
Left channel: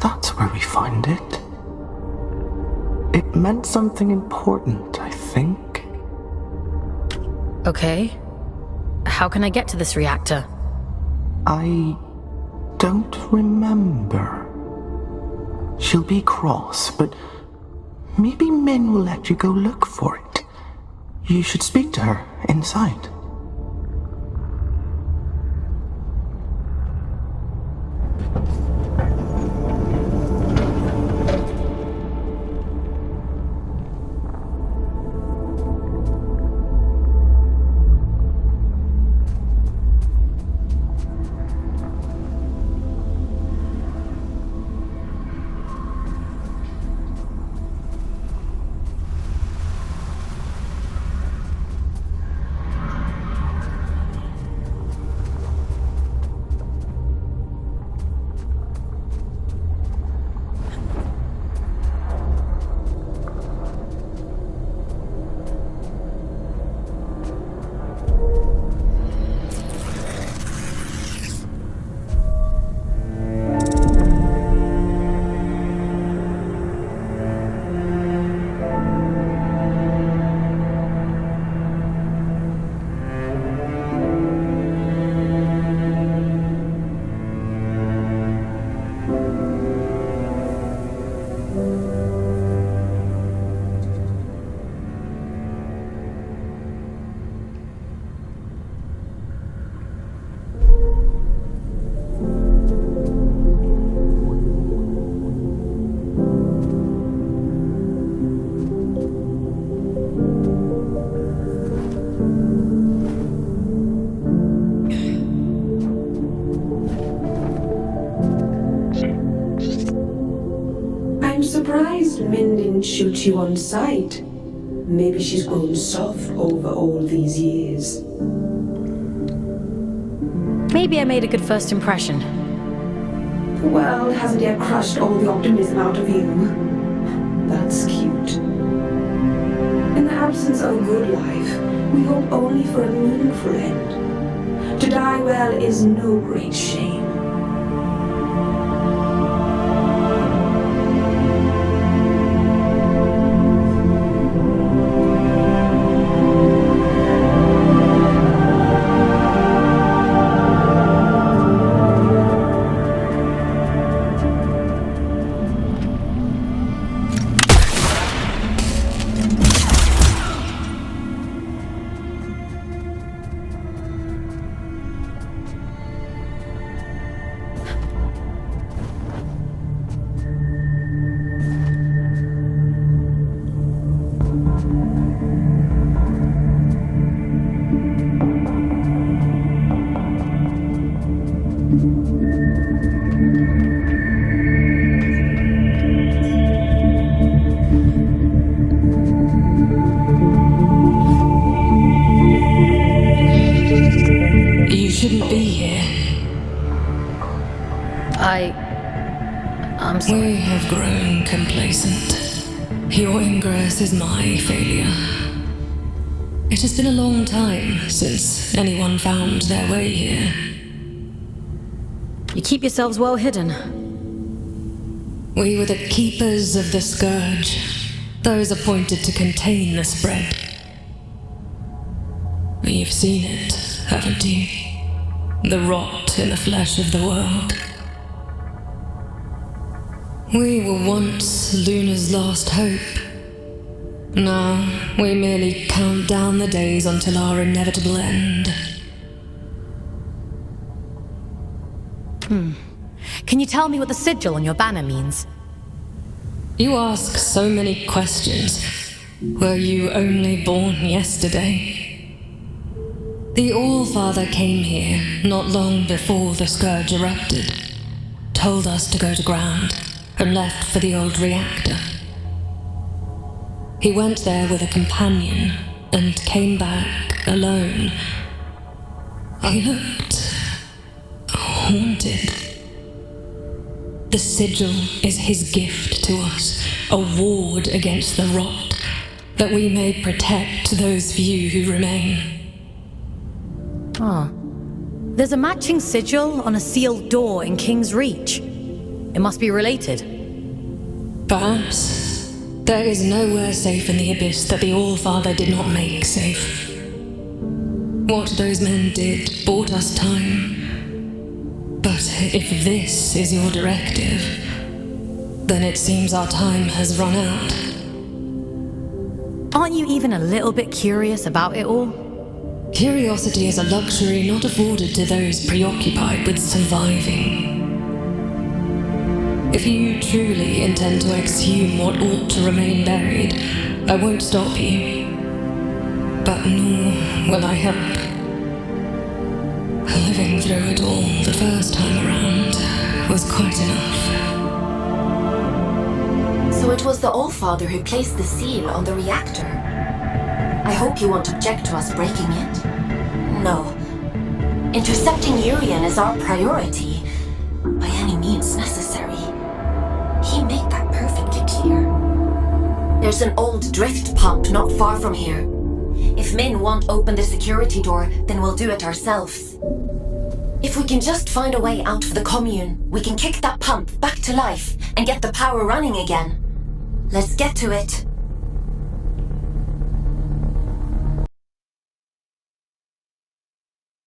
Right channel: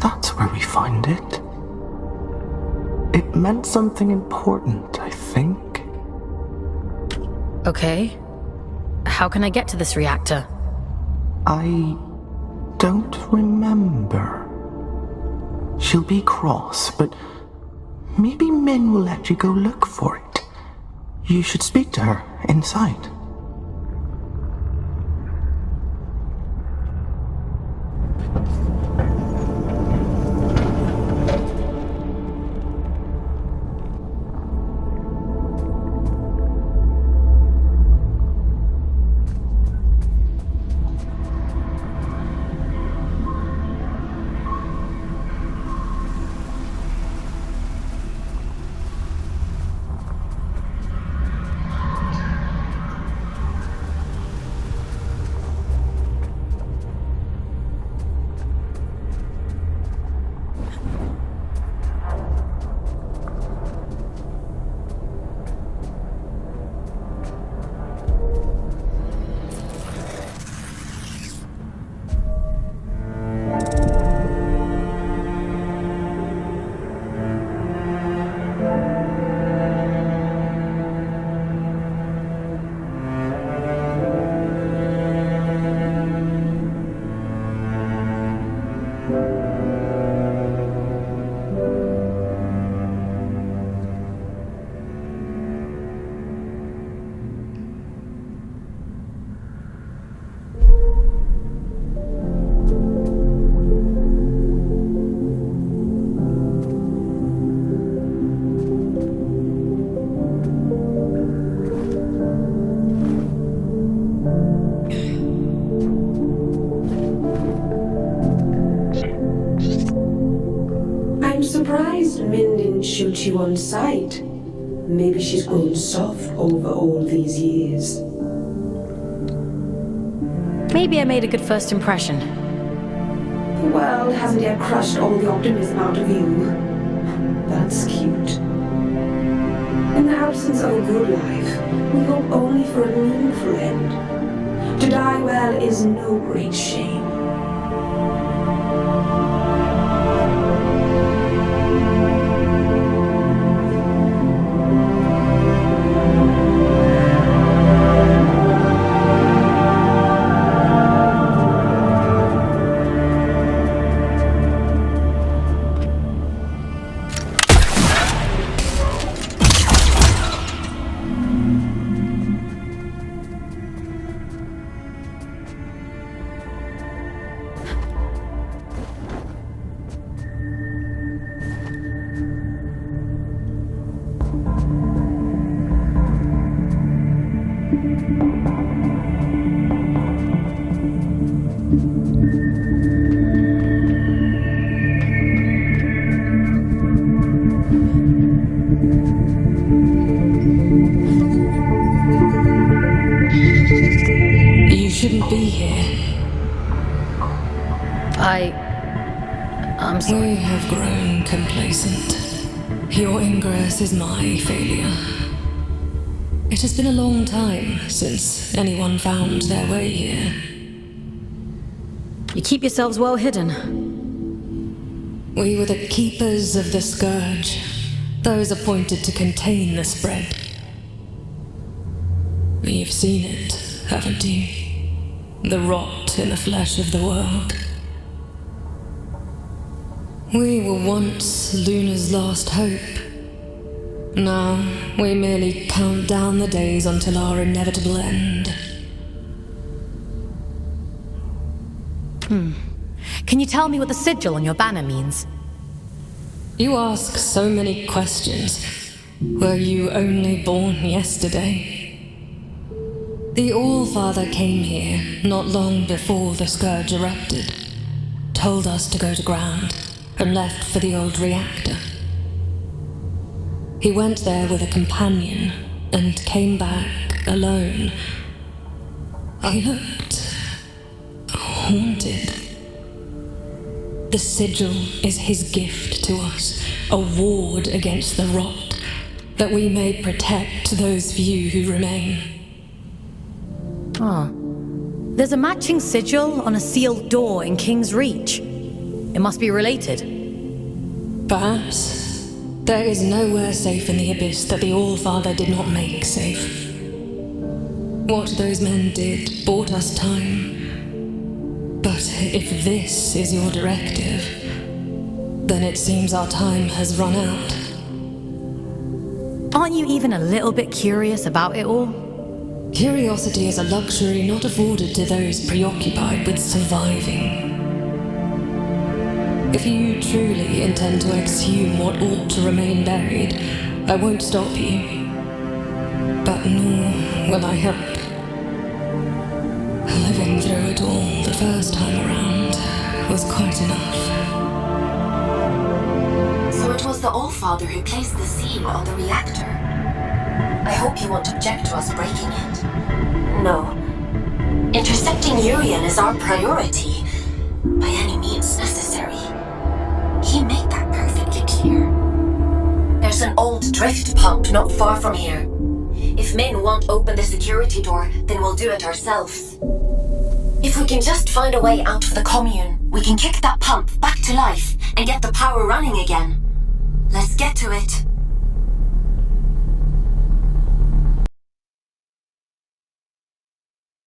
That's where we found it. It meant something important, I think. Okay. How can I get to this reactor? I don't remember. She'll be cross, but maybe Min will let you go look for it. You should speak to her inside. I'm surprised Min didn't shoot you on sight. Maybe she's grown soft over all these years. Maybe I made a good first impression. Well, hasn't yet crushed all the optimism out of you. That's cute. In the absence of a good life, we hope only for a meaningful end. To die well is no great shame. You shouldn't be here. I'm sorry. We have grown complacent. Your ingress is my failure. It has been a long time since anyone found their way here. You keep yourselves well hidden. We were the keepers of the scourge, those appointed to contain the spread. You've seen it, haven't you? The rot in the flesh of the world. We were once Luna's last hope. Now, we merely count down the days until our inevitable end. Can you tell me what the sigil on your banner means? You ask so many questions. Were you only born yesterday? The All-Father came here not long before the scourge erupted, told us to go to ground, and left for the old reactor. He went there with a companion, and came back alone. I looked, haunted. The sigil is his gift to us, a ward against the rot, that we may protect those few who remain. Ah. There's a matching sigil on a sealed door in King's Reach. It must be related. Perhaps. There is nowhere safe in the Abyss that the All-Father did not make safe. What those men did bought us time. But if this is your directive, then it seems our time has run out. Aren't you even a little bit curious about it all? Curiosity is a luxury not afforded to those preoccupied with surviving. If you truly intend to exhume what ought to remain buried, I won't stop you. But nor will I help. Living through it all the first time around was quite enough. So it was the All-Father who placed the seal on the reactor. I hope you won't object to us breaking it. No. Intercepting Urian is our priority, by any means necessary. He made that perfectly clear. There's an old drift pump not far from here. If Min won't open the security door, then we'll do it ourselves. If we can just find a way out of the commune, we can kick that pump back to life and get the power running again. Let's get to it.